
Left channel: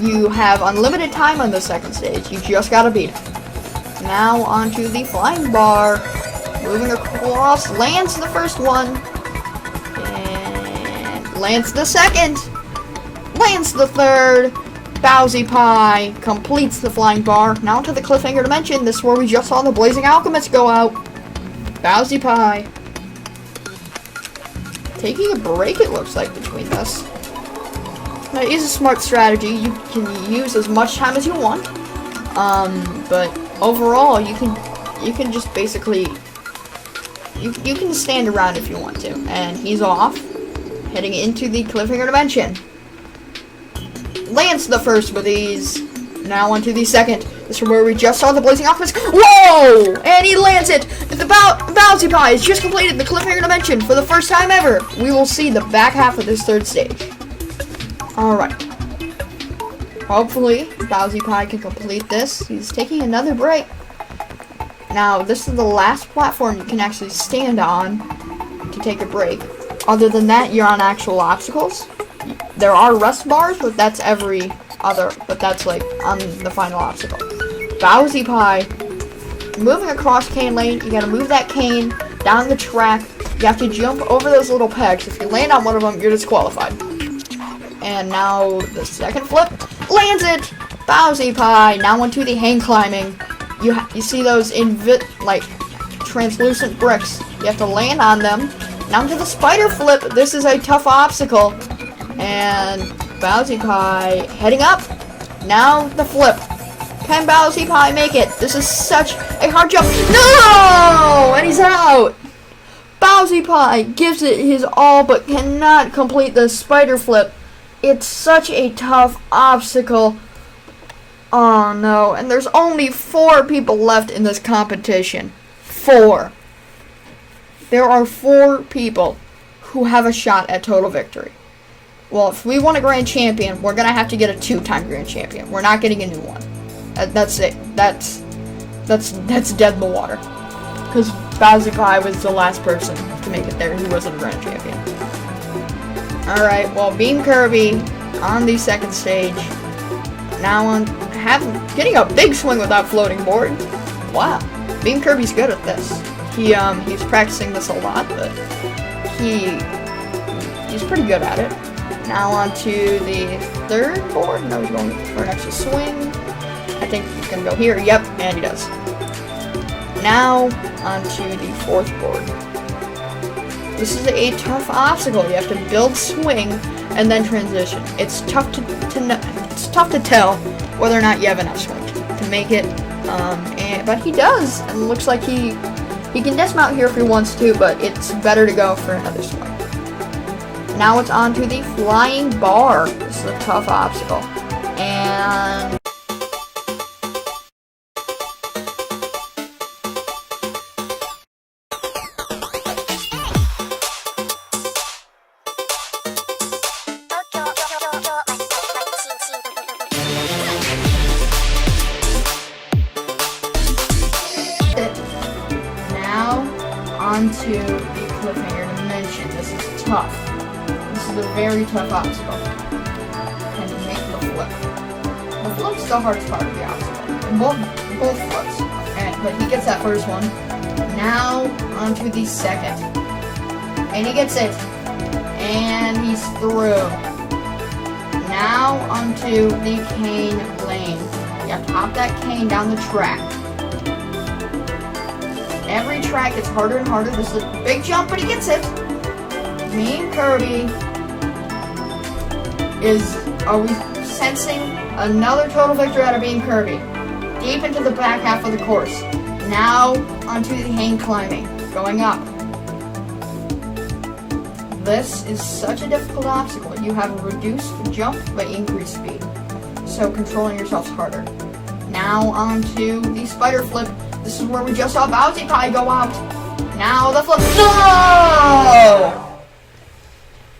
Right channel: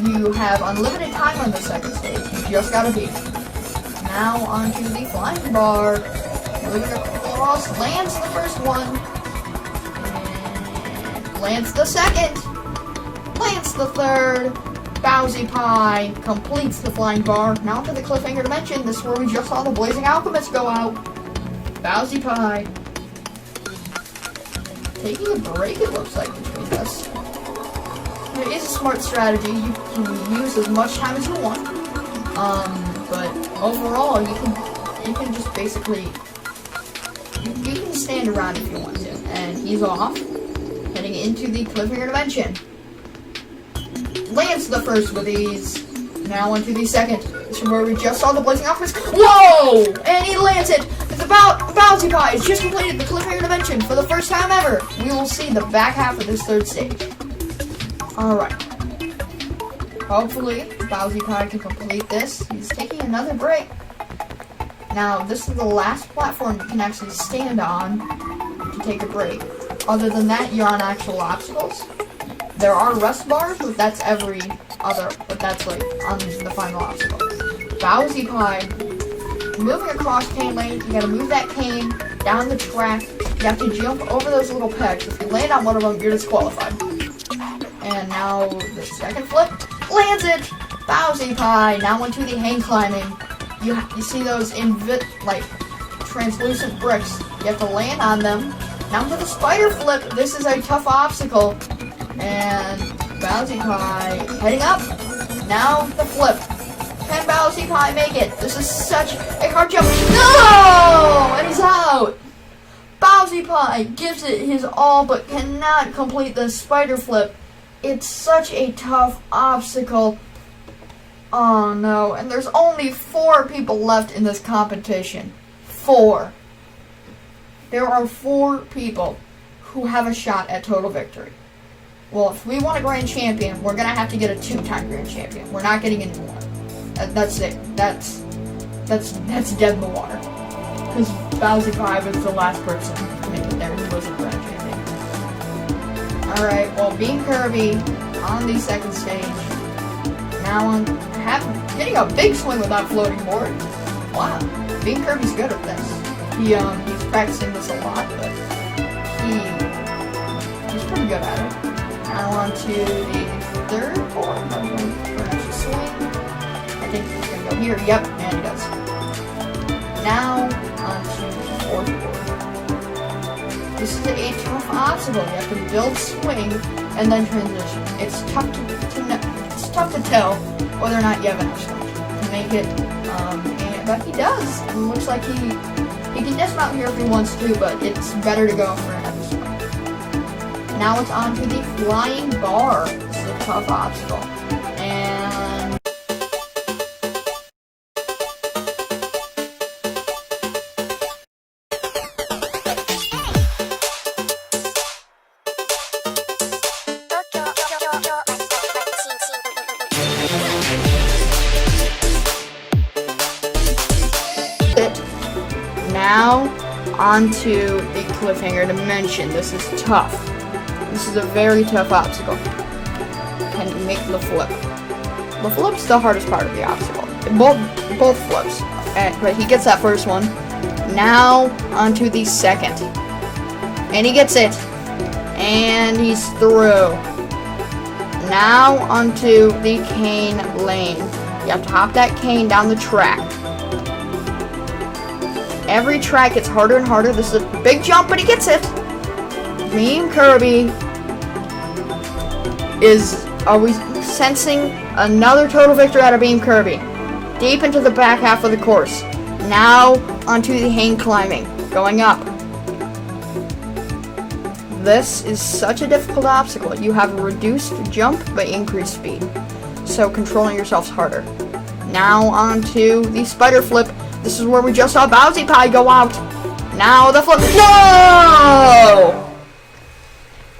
You have unlimited time on the second stage. You just gotta beat it. Now onto the flying bar. Moving across, lands the first one. And lands the second. Lands the third. Bowsy Pie completes the flying bar. Now to the cliffhanger dimension. This is where we just saw the Blazing Alchemist go out. Bowsy Pie taking a break, it looks like, between this. That is a smart strategy. You can use as much time as you want. But overall, you can just basically you can stand around if you want to. And he's off, heading into the cliffhanger dimension. Lands the first with ease. Now onto the second. This is where we just saw the Blazing Alchemist. Whoa! And he lands it! The Bowsy Pie has just completed the cliffhanger dimension for the first time ever. We will see the back half of this third stage. Alright. Hopefully, Bowsy Pie can complete this. He's taking another break. Now, this is the last platform you can actually stand on to take a break. Other than that, you're on actual obstacles. There are rest bars, but that's like on the final obstacle. Bowsy Pie, moving across cane lane, you gotta move that cane down the track. You have to jump over those little pegs. If you land on one of them, you're disqualified. And now the second flip, lands it! Bowsy Pie, now onto the hang climbing. You see those translucent bricks. You have to land on them. Now to the spider flip. This is a tough obstacle. And Bowsy Pie heading up. Now the flip. Can Bowsy Pie make it? This is such a hard jump. No! And he's out. Bowsy Pie gives it his all but cannot complete the spider flip. It's such a tough obstacle. Oh no. And there's only 4 people left in this competition. 4. There are 4 people who have a shot at total victory. Well, if we want a grand champion, we're gonna have to get a 2-time grand champion. We're not getting a new one. That's it. That's dead in the water. Because Bowsy Pie was the last person to make it there who wasn't a grand champion. Alright, well, Beam Kirby on the second stage. Now on getting a big swing with that floating board. Wow, Beam Kirby's good at this. He's practicing this a lot, but he's pretty good at it. Now on to the third board. No, he's going for an extra swing. I think he's going to go here. Yep, and he does. Now on to the fourth board. This is a tough obstacle. You have to build swing and then transition. It's tough to tell whether or not you have enough swing to make it. But he does. And it looks like he can dismount here if he wants to, but it's better to go for another swing. Now it's on to the flying bar. This is a tough obstacle. And now onto the cliffhanger dimension. This is tough. This is a very tough obstacle. Can you make the flip? The flip's the hardest part of the obstacle. Both flips. But he gets that first one. Now onto the second. And he gets it. And he's through. Now onto the cane lane. You have to hop that cane down the track. Every track gets harder and harder. This is a big jump, but he gets it. Beam Kirby are we sensing another total victory out of Beam Kirby? Deep into the back half of the course. Now onto the hang climbing, going up. This is such a difficult obstacle. You have a reduced jump but increased speed, so controlling yourself's harder. Now onto the spider flip. This is where we just saw Bowsy Pie go out. Now the flip. Whoa!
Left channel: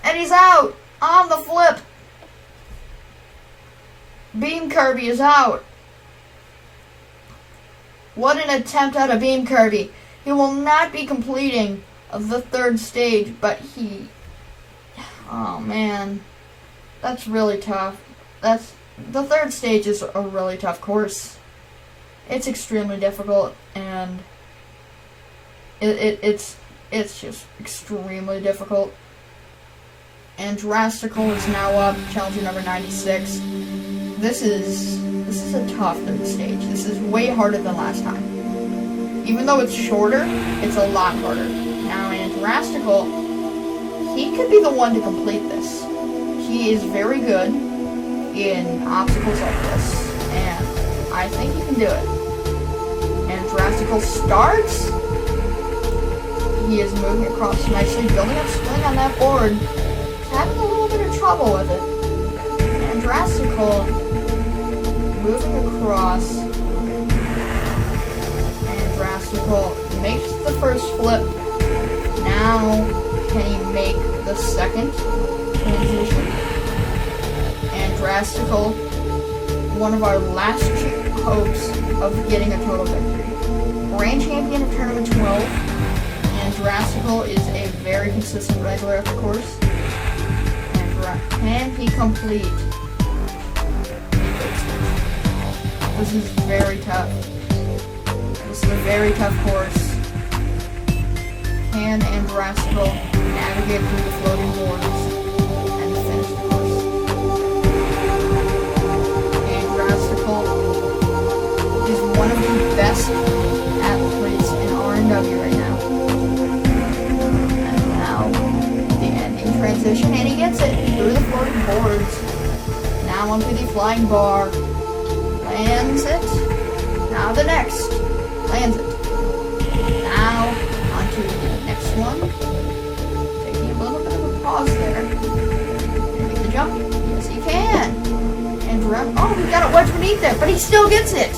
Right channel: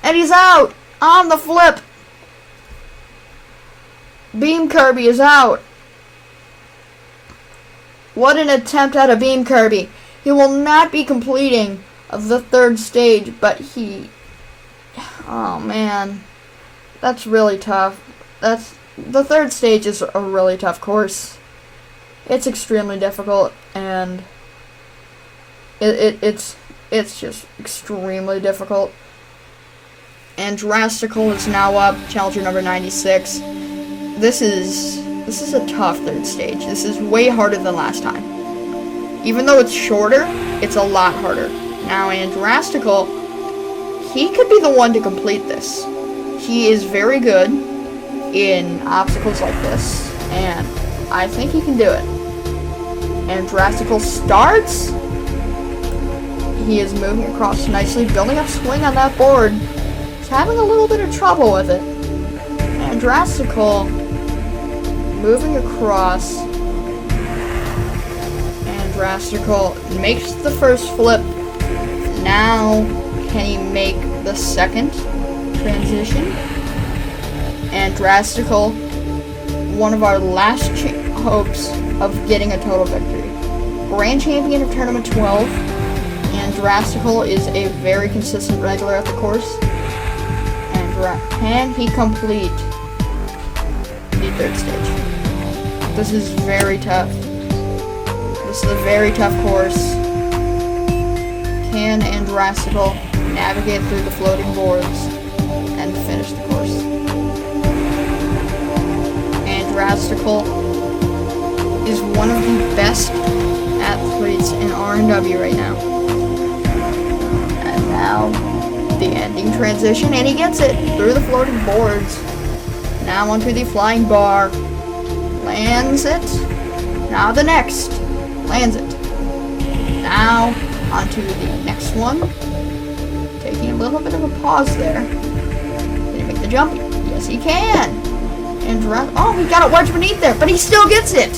And he's out on the flip. Beam Kirby is out. What an attempt at a Beam Kirby. He will not be completing the third stage, but he... Oh, man. That's really tough. The third stage is a really tough course. It's extremely difficult, and it's just extremely difficult. And Drastical is now up, challenger number 96. This is a tough third stage. This is way harder than last time. Even though it's shorter, it's a lot harder. Now, and Drastical, he could be the one to complete this. He is very good in obstacles like this, and I think he can do it. And Drastical starts. He is moving across nicely, building up swing on that board. He's having a little bit of trouble with it. And Drastical moving across. And Drastical makes the first flip. Now, can he make the second transition? And Drastical, one of our last hopes of getting a total victory. Grand champion of tournament 12, and Drastical is a very consistent regular at the course. And can he complete the third stage? This is very tough. This is a very tough course. Can and Drastical navigate through the floating boards and finish the course? And Drastical is one of the best athletes in R&W right now. And now, the ending transition, and he gets it through the floating boards. Now onto the flying bar. Lands it. Now the next. Lands it. Now, onto the next one. Taking a little bit of a pause there. Can he make the jump? Yes, he can. And oh, he got it wedged beneath there, but he still gets it.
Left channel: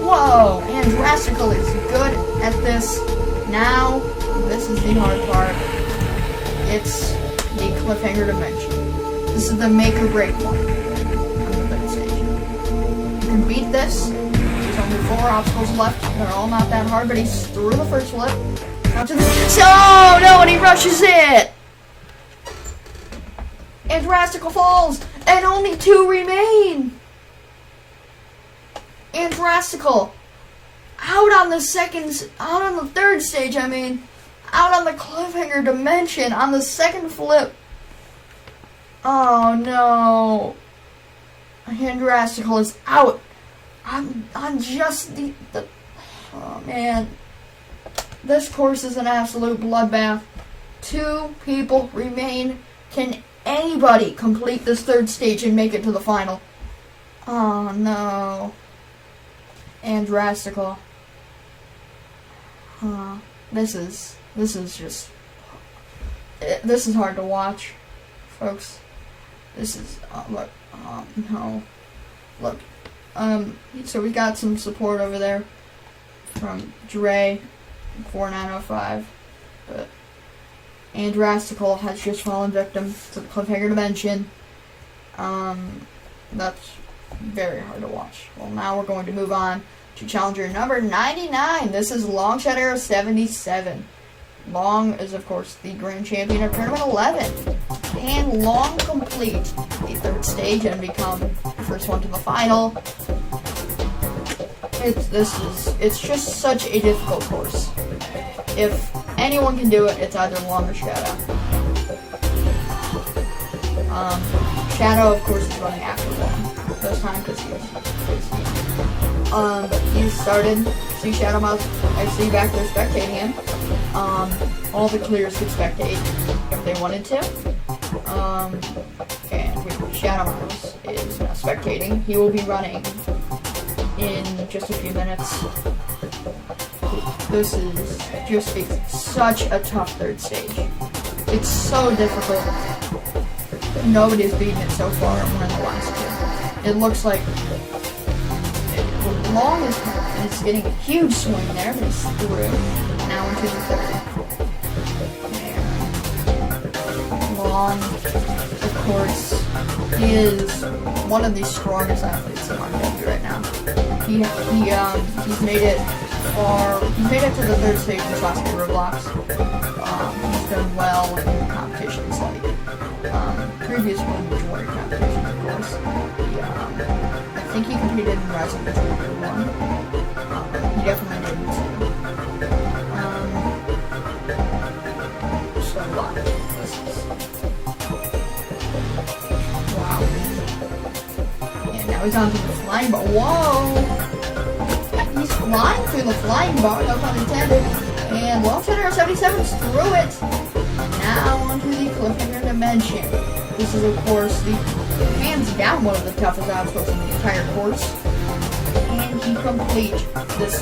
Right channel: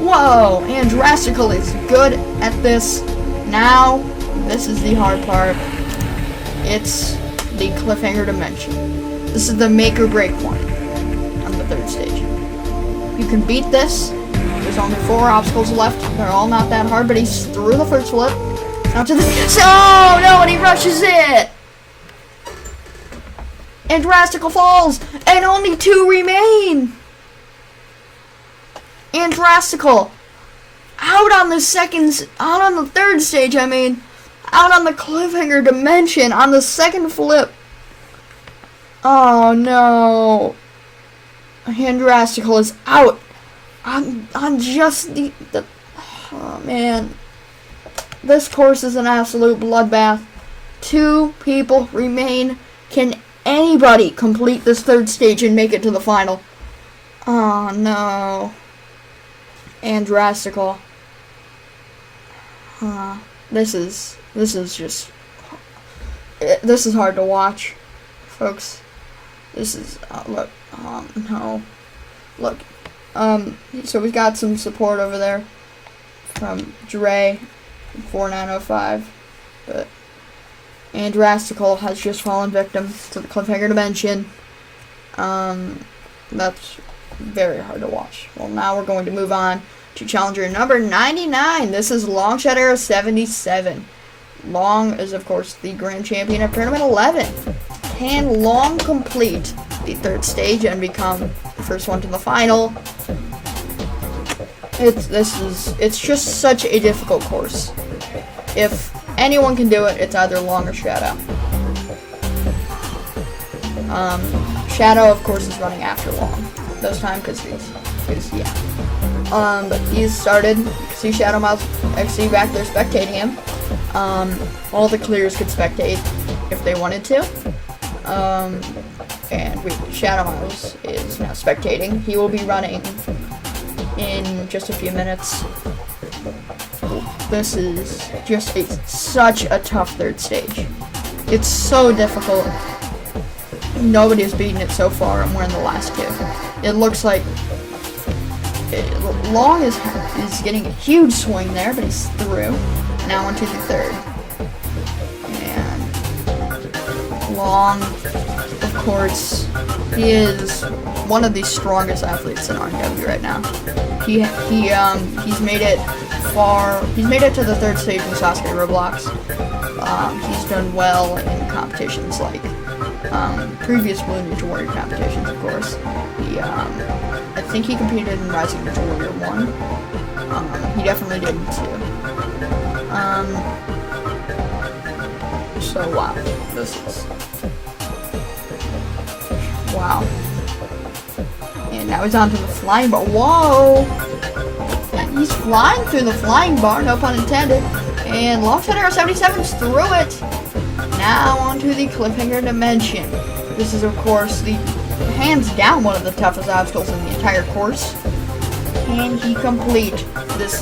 Whoa, and Drastical is good at this. Now, this is the hard part. It's the cliffhanger dimension. This is the make or break one on the third stage. You can beat this. There's only 4 obstacles left. They're all not that hard, but he's through the first flip. Now to the... Oh, no, and he rushes it! And Drastical falls, and only 2 remain! And Drastical out on the third stage, out on the cliffhanger dimension on the second flip. Oh no. And Drastical is out on just the oh man. This course is an absolute bloodbath. 2 people remain. Can anybody complete this third stage and make it to the final? Oh no. And Drastical. This is hard to watch, folks. This is look. No. Look. So we got some support over there from Dre 4905, but and Drastical has just fallen victim to the cliffhanger dimension. That's very hard to watch. Well, now we're going to move on to challenger number 99. This is Longshot Arrow 77. Long is, of course, the grand champion of tournament 11. Can Long complete the third stage and become the first one to the final? It's just such a difficult course. If anyone can do it, it's either Long or Shadow. Shadow, of course, is running after Long this time because he's started. See Shadow Mouse, I see back there spectating him. All the clears could spectate if they wanted to. And Shadow Mouse is now spectating. He will be running in just a few minutes. This is just such a tough third stage. It's so difficult. Nobody's beaten it so far, and we're in the last 2. It looks like Long is getting a huge swing there, but he's through. Now onto the third. And Long, of course, he is one of the strongest athletes in RW right now. He's made it far. He's made it to the third stage in Sasuke Roblox. He's done well in competitions like previous Blue Ninja Warrior competitions, of course. I think he competed in Rising Ninja Warrior 1. He definitely did in 2. So wow, this is wow. And now he's onto the flying bar. Whoa! He's flying through the flying bar, no pun intended. And Long Shadow 77's through it. Now onto the cliffhanger dimension. This is, of course, the hands down one of the toughest obstacles in the entire course. Can he complete this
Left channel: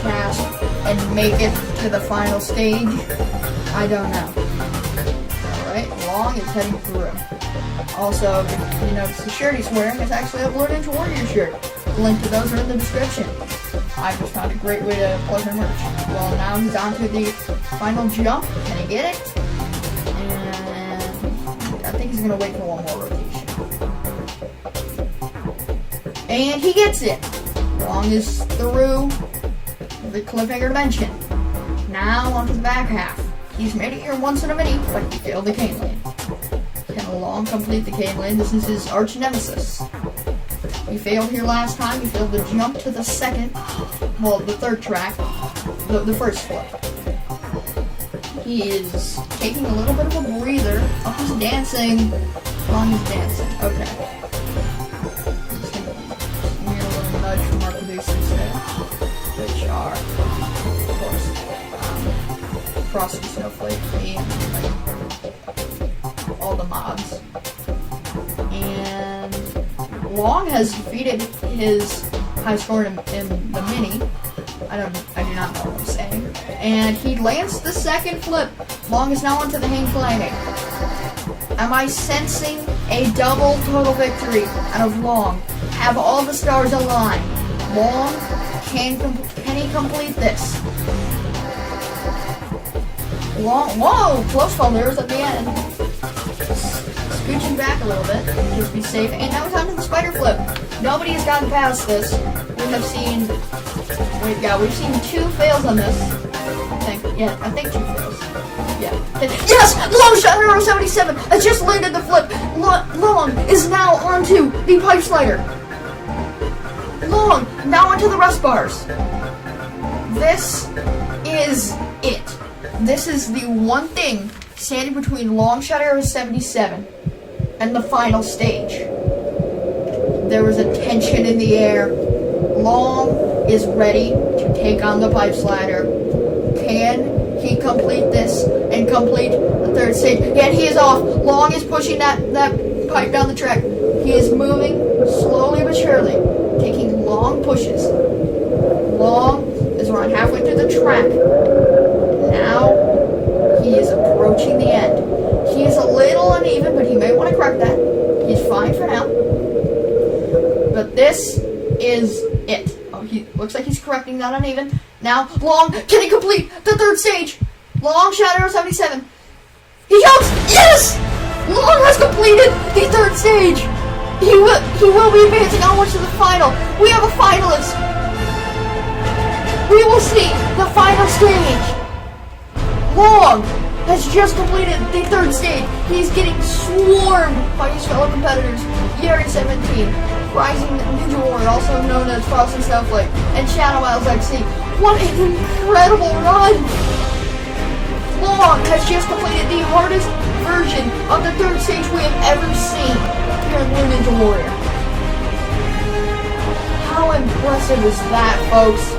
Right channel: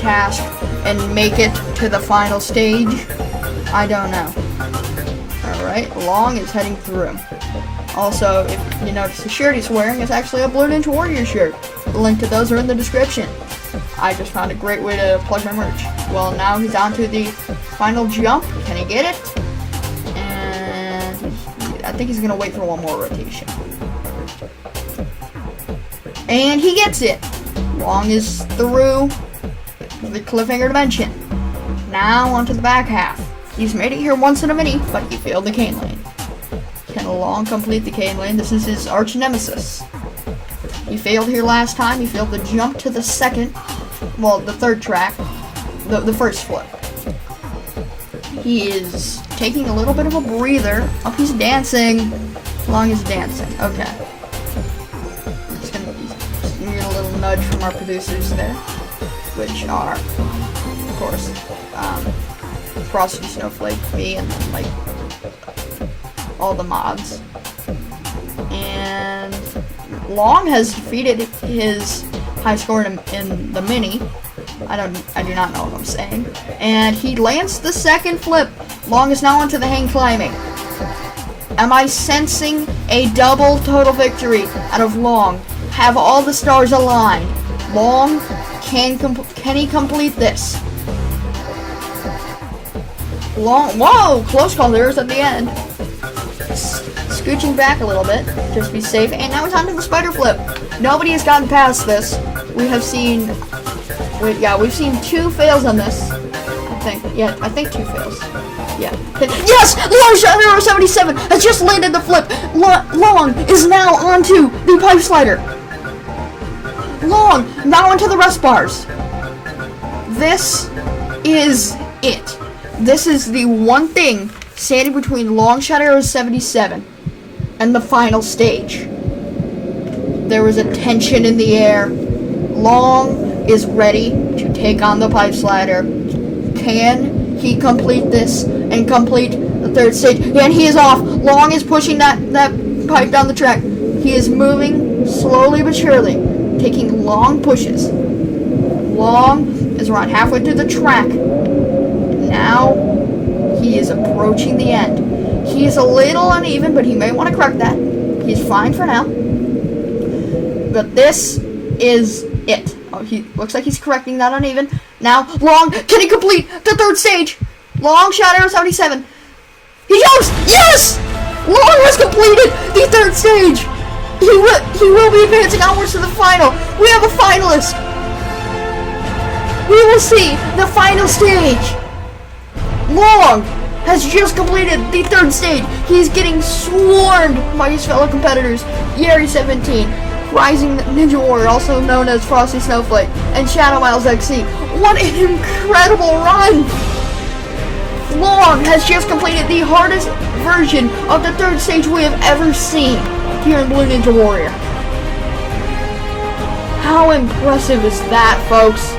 task and make it to the final stage? I don't know. Alright, Long is heading through. Also, if you notice, the shirt he's wearing is actually a Blue Ninja Warrior shirt. The link to those are in the description. I just found a great way to plug my merch. Well, now he's on to the final jump. Can he get it? And I think he's going to wait for one more rotation. And he gets it. Long is through the cliffhanger dimension. Now onto the back half. He's made it here once in a mini, but he failed the cane lane. Can Long complete the cane lane? This is his arch nemesis. He failed here last time. He failed the jump to the third track, the first flip. He is taking a little bit of a breather. Oh, he's dancing. Long is dancing. Okay. Just gonna give a little nudge from our producers there, which are, of course, Frosty, Snowflake, me, and then like all the mods. And Long has defeated his high score in the mini. I do not know what I'm saying. And he lands the second flip. Long is now onto the hang climbing. Am I sensing a double total victory out of Long? Have all the stars aligned? Long, can he complete this? Long, whoa, close call there at the end. Scooching back a little bit, just be safe. And now it's on to the spider flip. Nobody has gotten past this. We've seen 2 fails on this. I think 2 fails. Yeah. Yes! Long Shadow 77 has just landed the flip. Long is now onto the pipe slider. Long, now onto the rest bars. This is it. This is the one thing standing between Long Shadow 77 and the final stage. There was a tension in the air. Long is ready to take on the pipe slider. Can he complete this and complete the third stage? And he is off. Long is pushing that pipe down the track. He is moving slowly but surely, taking long pushes. Long is around halfway through the track. Now he is approaching the end. He is a little uneven, but he may want to correct that. He's fine for now. But this is it. Oh, he looks like he's correcting that uneven. Now, Long, can he complete the third stage? Long Shadow 77. He jumps! Yes! Long has completed the third stage. He will be advancing onwards to the final. We have a finalist. We will see the final stage. Long has just completed the third stage. He's getting swarmed by his fellow competitors. Yeri 17, Rising Ninja Warrior, also known as Frosty Snowflake, and Shadow Miles XC. What an incredible run! Long has just completed the hardest version of the third stage we have ever seen here in Blue Ninja Warrior. How impressive is that, folks?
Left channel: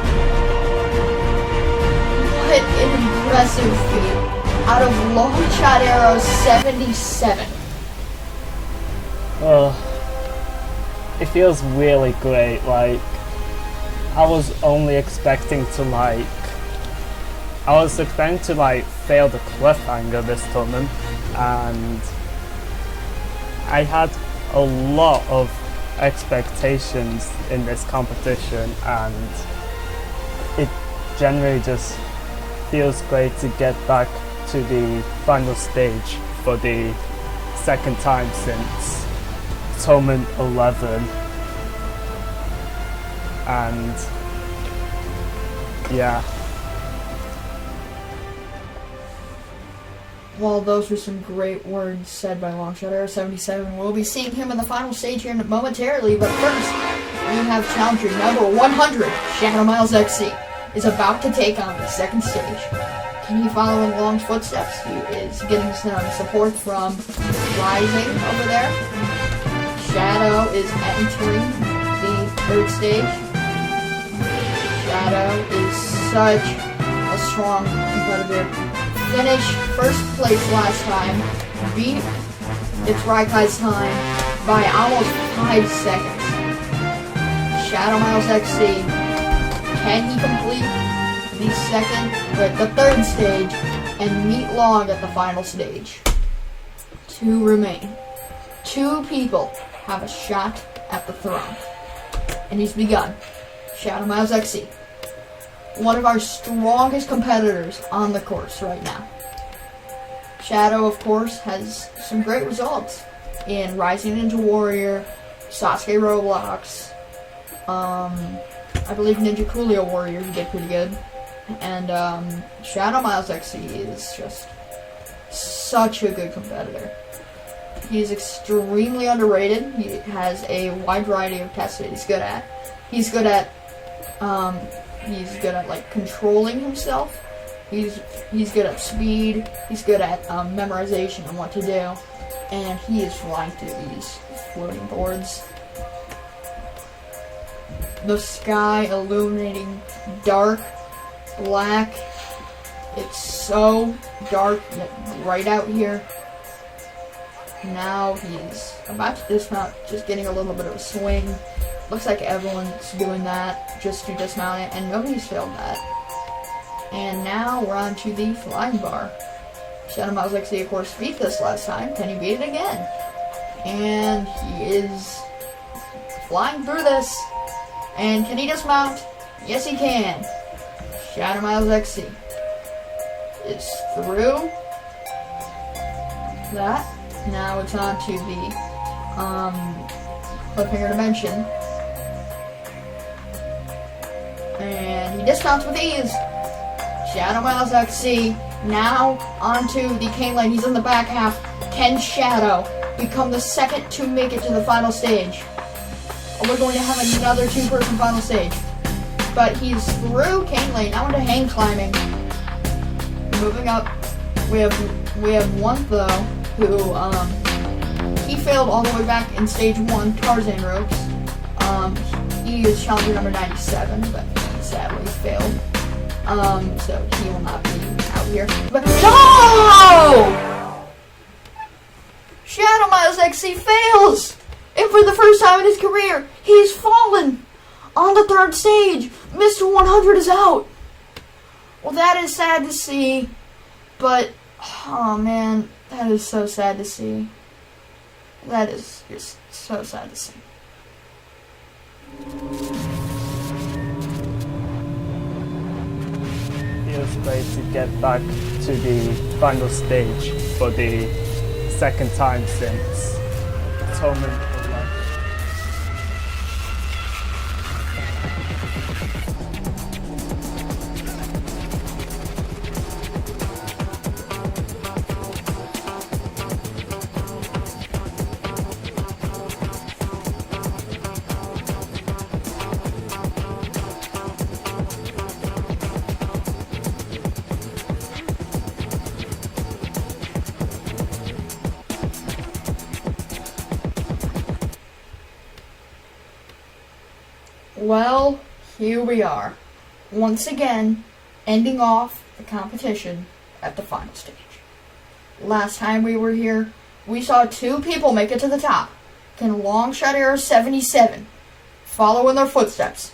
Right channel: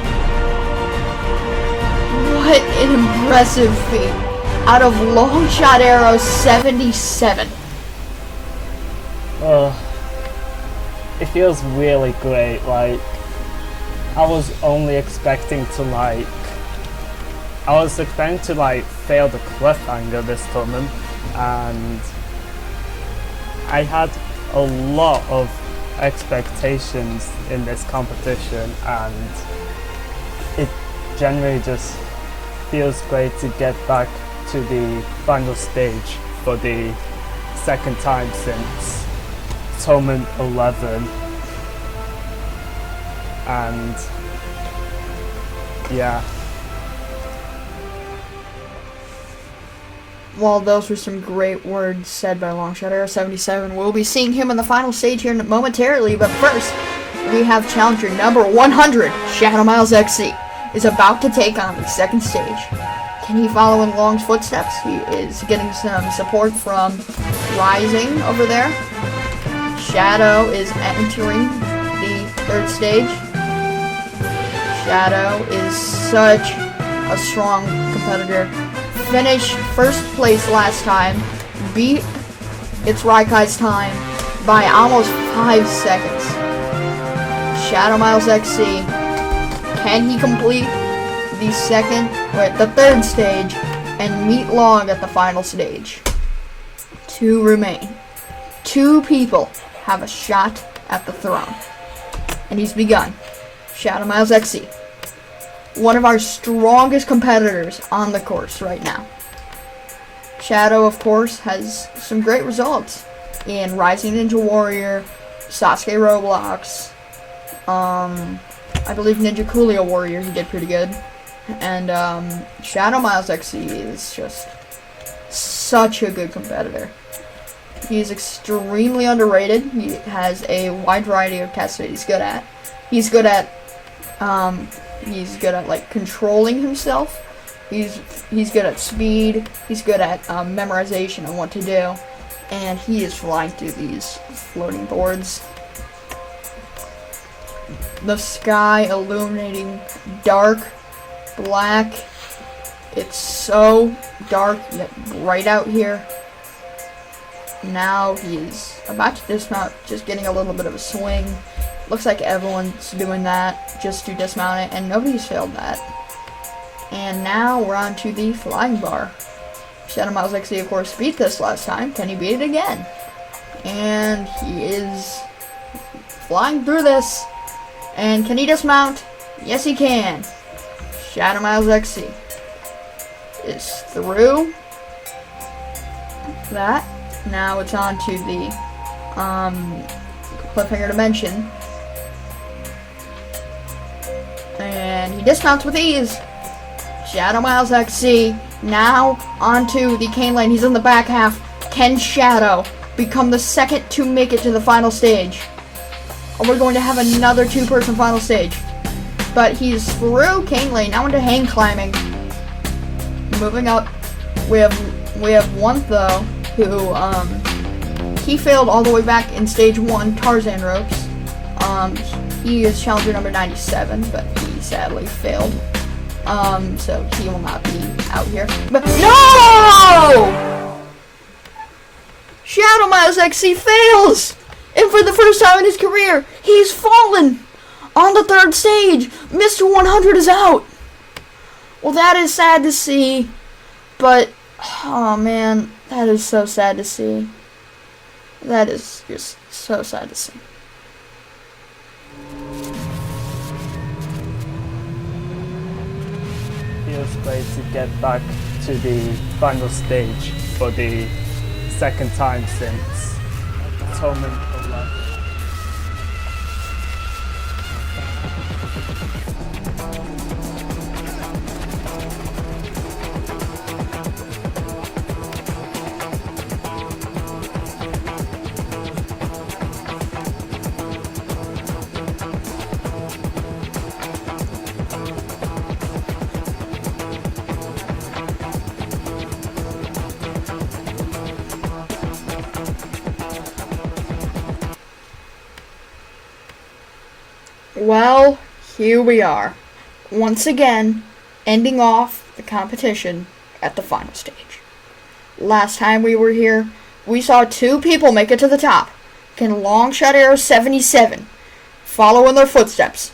What an impressive feat out of Long Shot Arrow 77. It feels really great. Like, I was only expecting to fail the cliffhanger this tournament, and I had a lot of expectations in this competition, and it generally just feels great to get back to the final stage for the second time since Tournament 11. And yeah. Well, those were some great words said by Longshot Arrow 77. We'll be seeing him in the final stage here momentarily, but first, we have challenger number 100, Shadow Miles XC, is about to take on the second stage. Can he follow in Long's footsteps? He is getting some support from Rising over there. Shadow is entering the third stage. Shadow is such a strong competitor. Finished first place last time, beat its Raikai's time by almost 5 seconds. Shadow Miles XC, can he complete the third stage and meet Long at the final stage? 2 remain. 2 people have a shot at the throne. And he's begun. Shadow Miles XC, one of our strongest competitors on the course right now. Shadow, of course, has some great results in Rising Ninja Warrior, Sasuke Roblox, I believe Ninja Coolio Warrior, he did pretty good. And Shadow Miles XC is just such a good competitor. He is extremely underrated. He has a wide variety of tests that he's good at. He's good at like controlling himself. He's good at speed. He's good at memorization and what to do. And he is flying through these floating boards. The sky illuminating dark black. It's so dark yet bright out here. Now he's about to dismount, just getting a little bit of a swing. Looks like everyone's doing that just to dismount it, and nobody's failed that. And now we're on to the flying bar. Shadow Miles XC, of course, beat this last time. Can he beat it again? And he is flying through this. And can he dismount? Yes, he can. Shadow Miles XC is through that. Now it's on to the cliffhanger dimension. And he dismounts with ease. Shadow Miles XC now onto the cane lane. He's in the back half. Can Shadow become the second to make it to the final stage? Or we're going to have another 2-person final stage. But he's through cane lane, now into hang climbing. Moving up, we have one though who he failed all the way back in stage 1, Tarzan ropes. He is challenger number 97, but he sadly failed. So he will not be out here. But no! Shadow Miles XC fails! And for the first time in his career, he's fallen on the third stage. Mr. 100 is out. Well, that is sad to see, but oh man, that is so sad to see. That is just so sad to see. Feels great to get back to the final stage for the second time since Tournament 11. Well, here we are, once again, ending off the competition at the final stage. Last time we were here, we saw 2 people make it to the top. Can Longshot Arrow 77 follow in their footsteps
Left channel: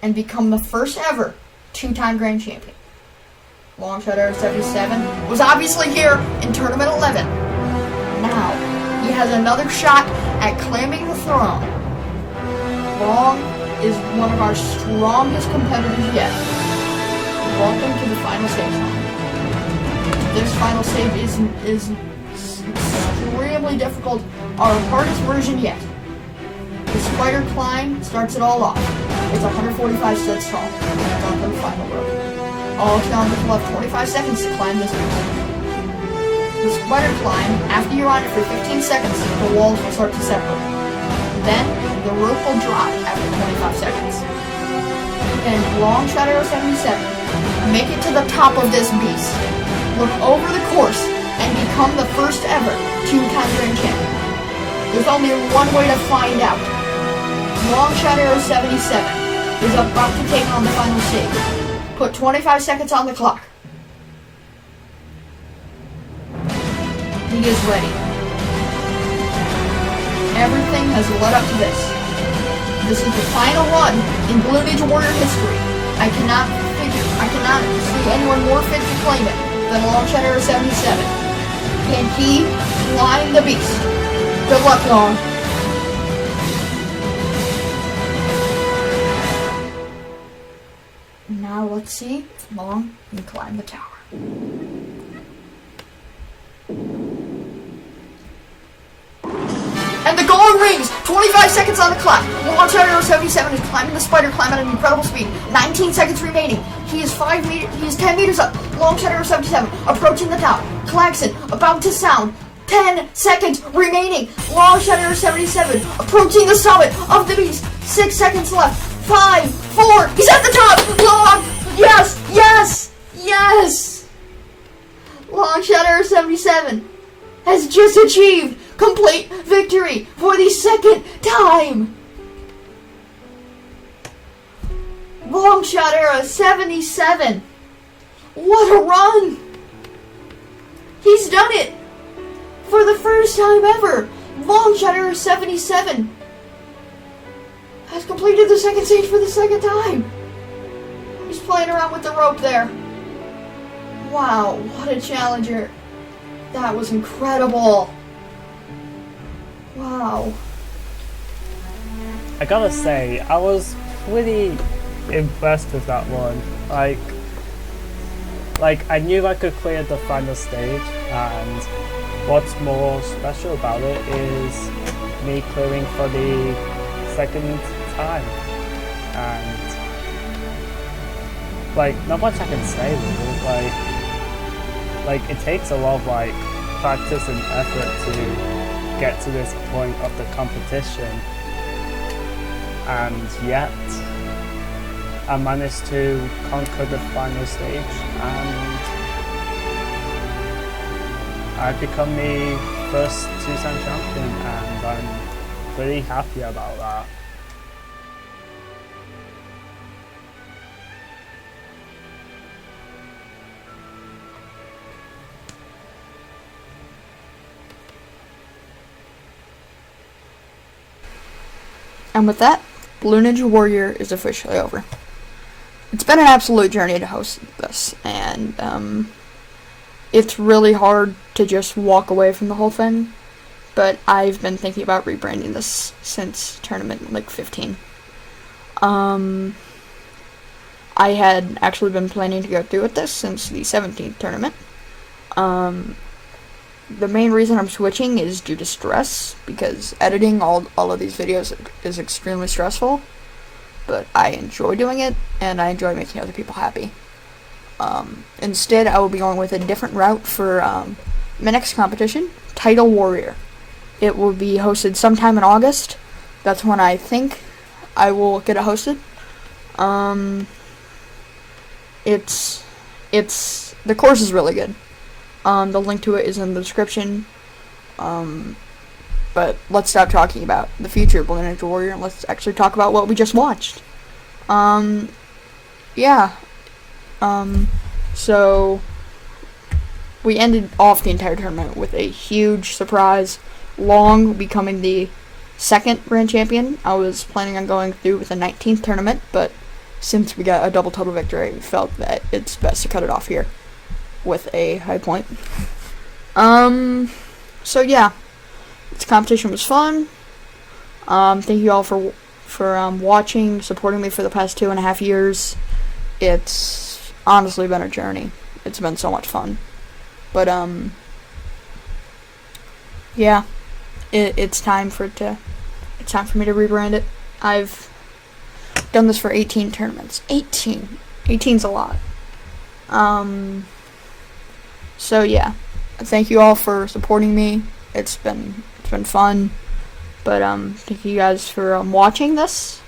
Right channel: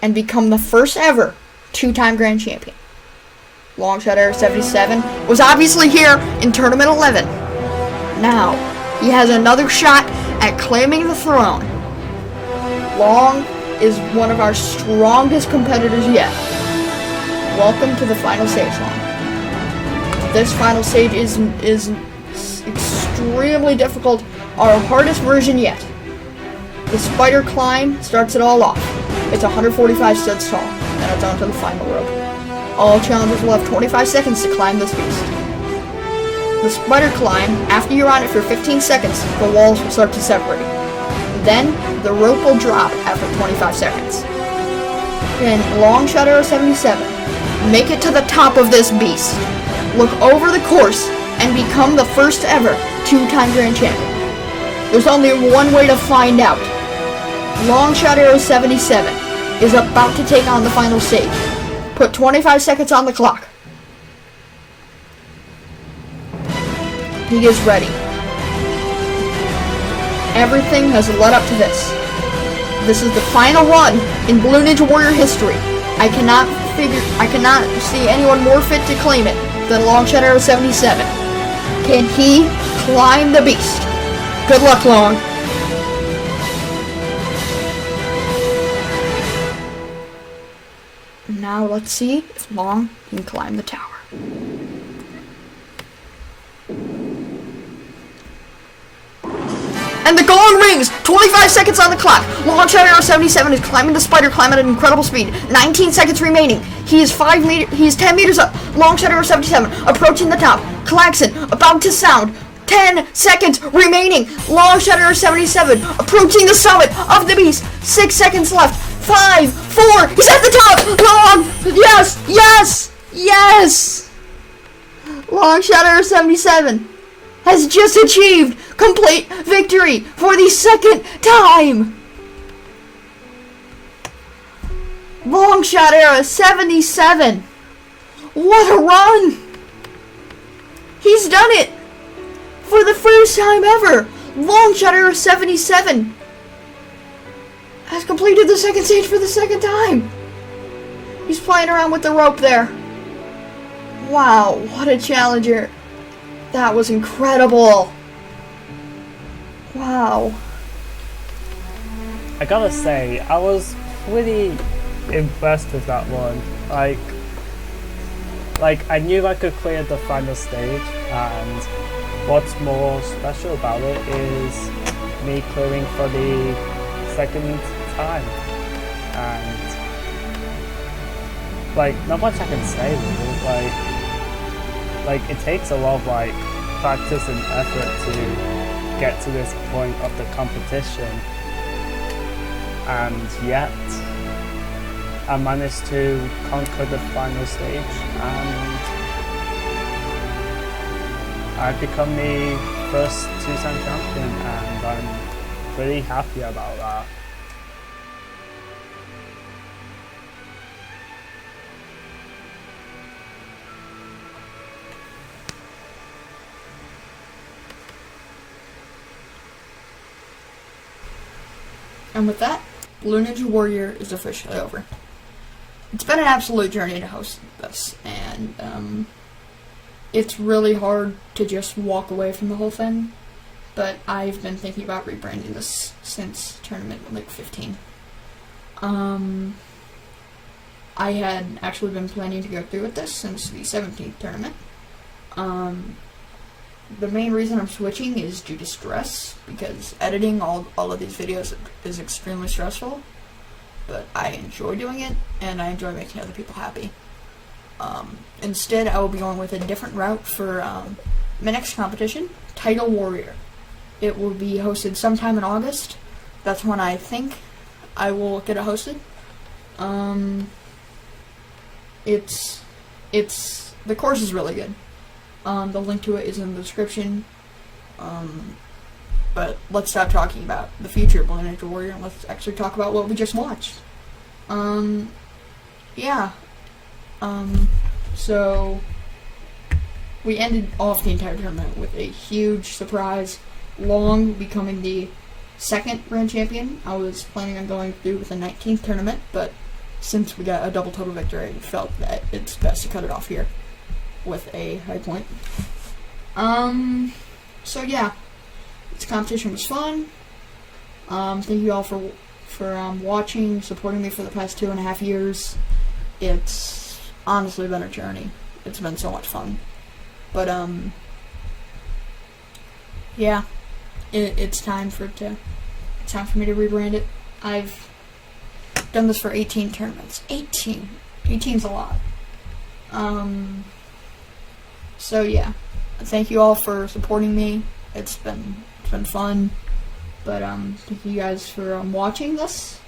and become the first ever 2-time grand champion? Longshot Arrow 77 was obviously here in Tournament 11. Now, he has another shot at claiming the throne. Long is one of our strongest competitors yet. Welcome to the final stage. This final stage is extremely difficult, our hardest version yet. The spider climb starts it all off. It's 145 steps tall, and it's onto the final rope. All challengers will have 25 seconds to climb this beast. The spider climb, after you're on it for 15 seconds, the walls will start to separate. Then, the rope will drop after 25 seconds. Then, long shot arrow 77, make it to the top of this beast. Look over the course and become the first ever 2-time grand champion. There's only one way to find out. Long shot arrow 77 is about to take on the final stage. Put 25 seconds on the clock. He is ready. Everything has led up to this. This is the final one in Blue Ninja Warrior history. I cannot see anyone more fit to claim it than Long Shot Arrow 77. Can he climb the beast? Good luck, Long. Now let's see if Long can climb the tower. And the gong rings! 25 seconds on the clock. Long Shot Arrow 77 is climbing the spider climb at an incredible speed. 19 seconds remaining. He is 10 meters up. Long Shot Arrow 77 approaching the top. Klaxon about to sound. 10 seconds remaining. Long Shot Arrow 77 approaching the summit of the beast. 6 seconds left. 5, 4, he's at the top! Long! Yes! Yes! Yes! Long Shot Arrow 77 has just achieved complete victory for the second time! Long Shot Arrow 77! What a run! He's done it! For the first time ever! Long Shot Arrow 77 has completed the second stage for the second time! He's playing around with the rope there. Wow, what a challenger. That was incredible. Wow. I gotta say, I was pretty impressed with that one. Like I knew I could clear the final stage, and what's more special about it is me clearing for the second time. And like, not much I can say really. Like it takes a lot of practice and effort to get to this point of the competition, and yet I managed to conquer the final stage, and I've become the first 2-time champion, and I'm pretty happy about that. And with that, Blue Ninja Warrior is officially over. It's been an absolute journey to host this, and it's really hard to just walk away from the whole thing, but I've been thinking about rebranding this since tournament 15. I had actually been planning to go through with this since the 17th tournament. The main reason I'm switching is due to stress, because editing all of these videos is extremely stressful, but I enjoy doing it, and I enjoy making other people happy. Instead, I will be going with a different route for my next competition, Title Warrior. It will be hosted sometime in August. That's when I think I will get it hosted. The course is really good. The link to it is in the description. But let's stop talking about the future of Blue Ninja Warrior and let's actually talk about what we just watched. So we ended off the entire tournament with a huge surprise. Long becoming the second grand champion. I was planning on going through with the 19th tournament, but since we got a double total victory, we felt that it's best to cut it off here with a high point. So yeah, this competition was fun. Thank you all for for watching, supporting me for the past 2.5 years. It's honestly been a journey. It's been so much fun. But yeah, it's time for me to rebrand it. I've done this for 18 tournaments. 18's a lot. So yeah, thank you all for supporting me. It's been fun. But thank you guys for watching this.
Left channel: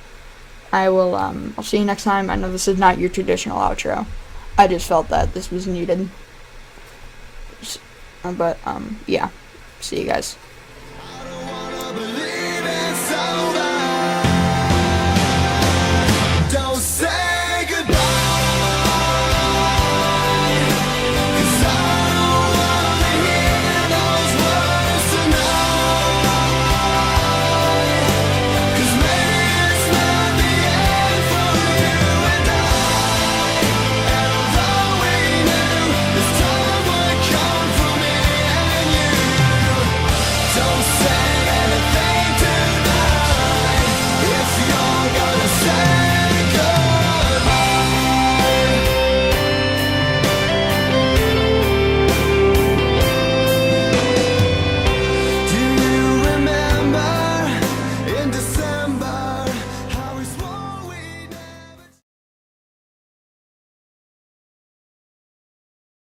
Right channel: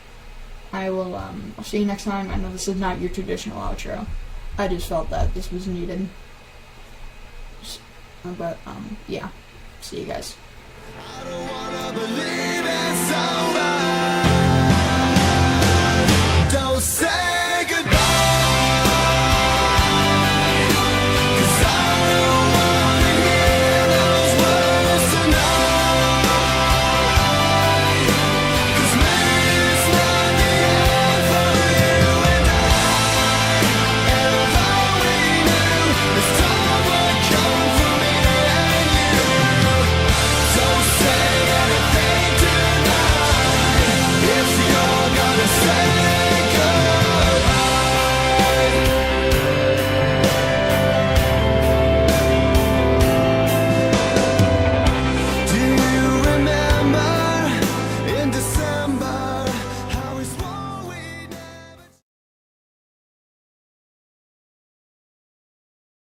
I'll see you next time. I know this is not your traditional outro. I just felt that this was needed. But yeah, see you guys. I don't wanna believe in somebody.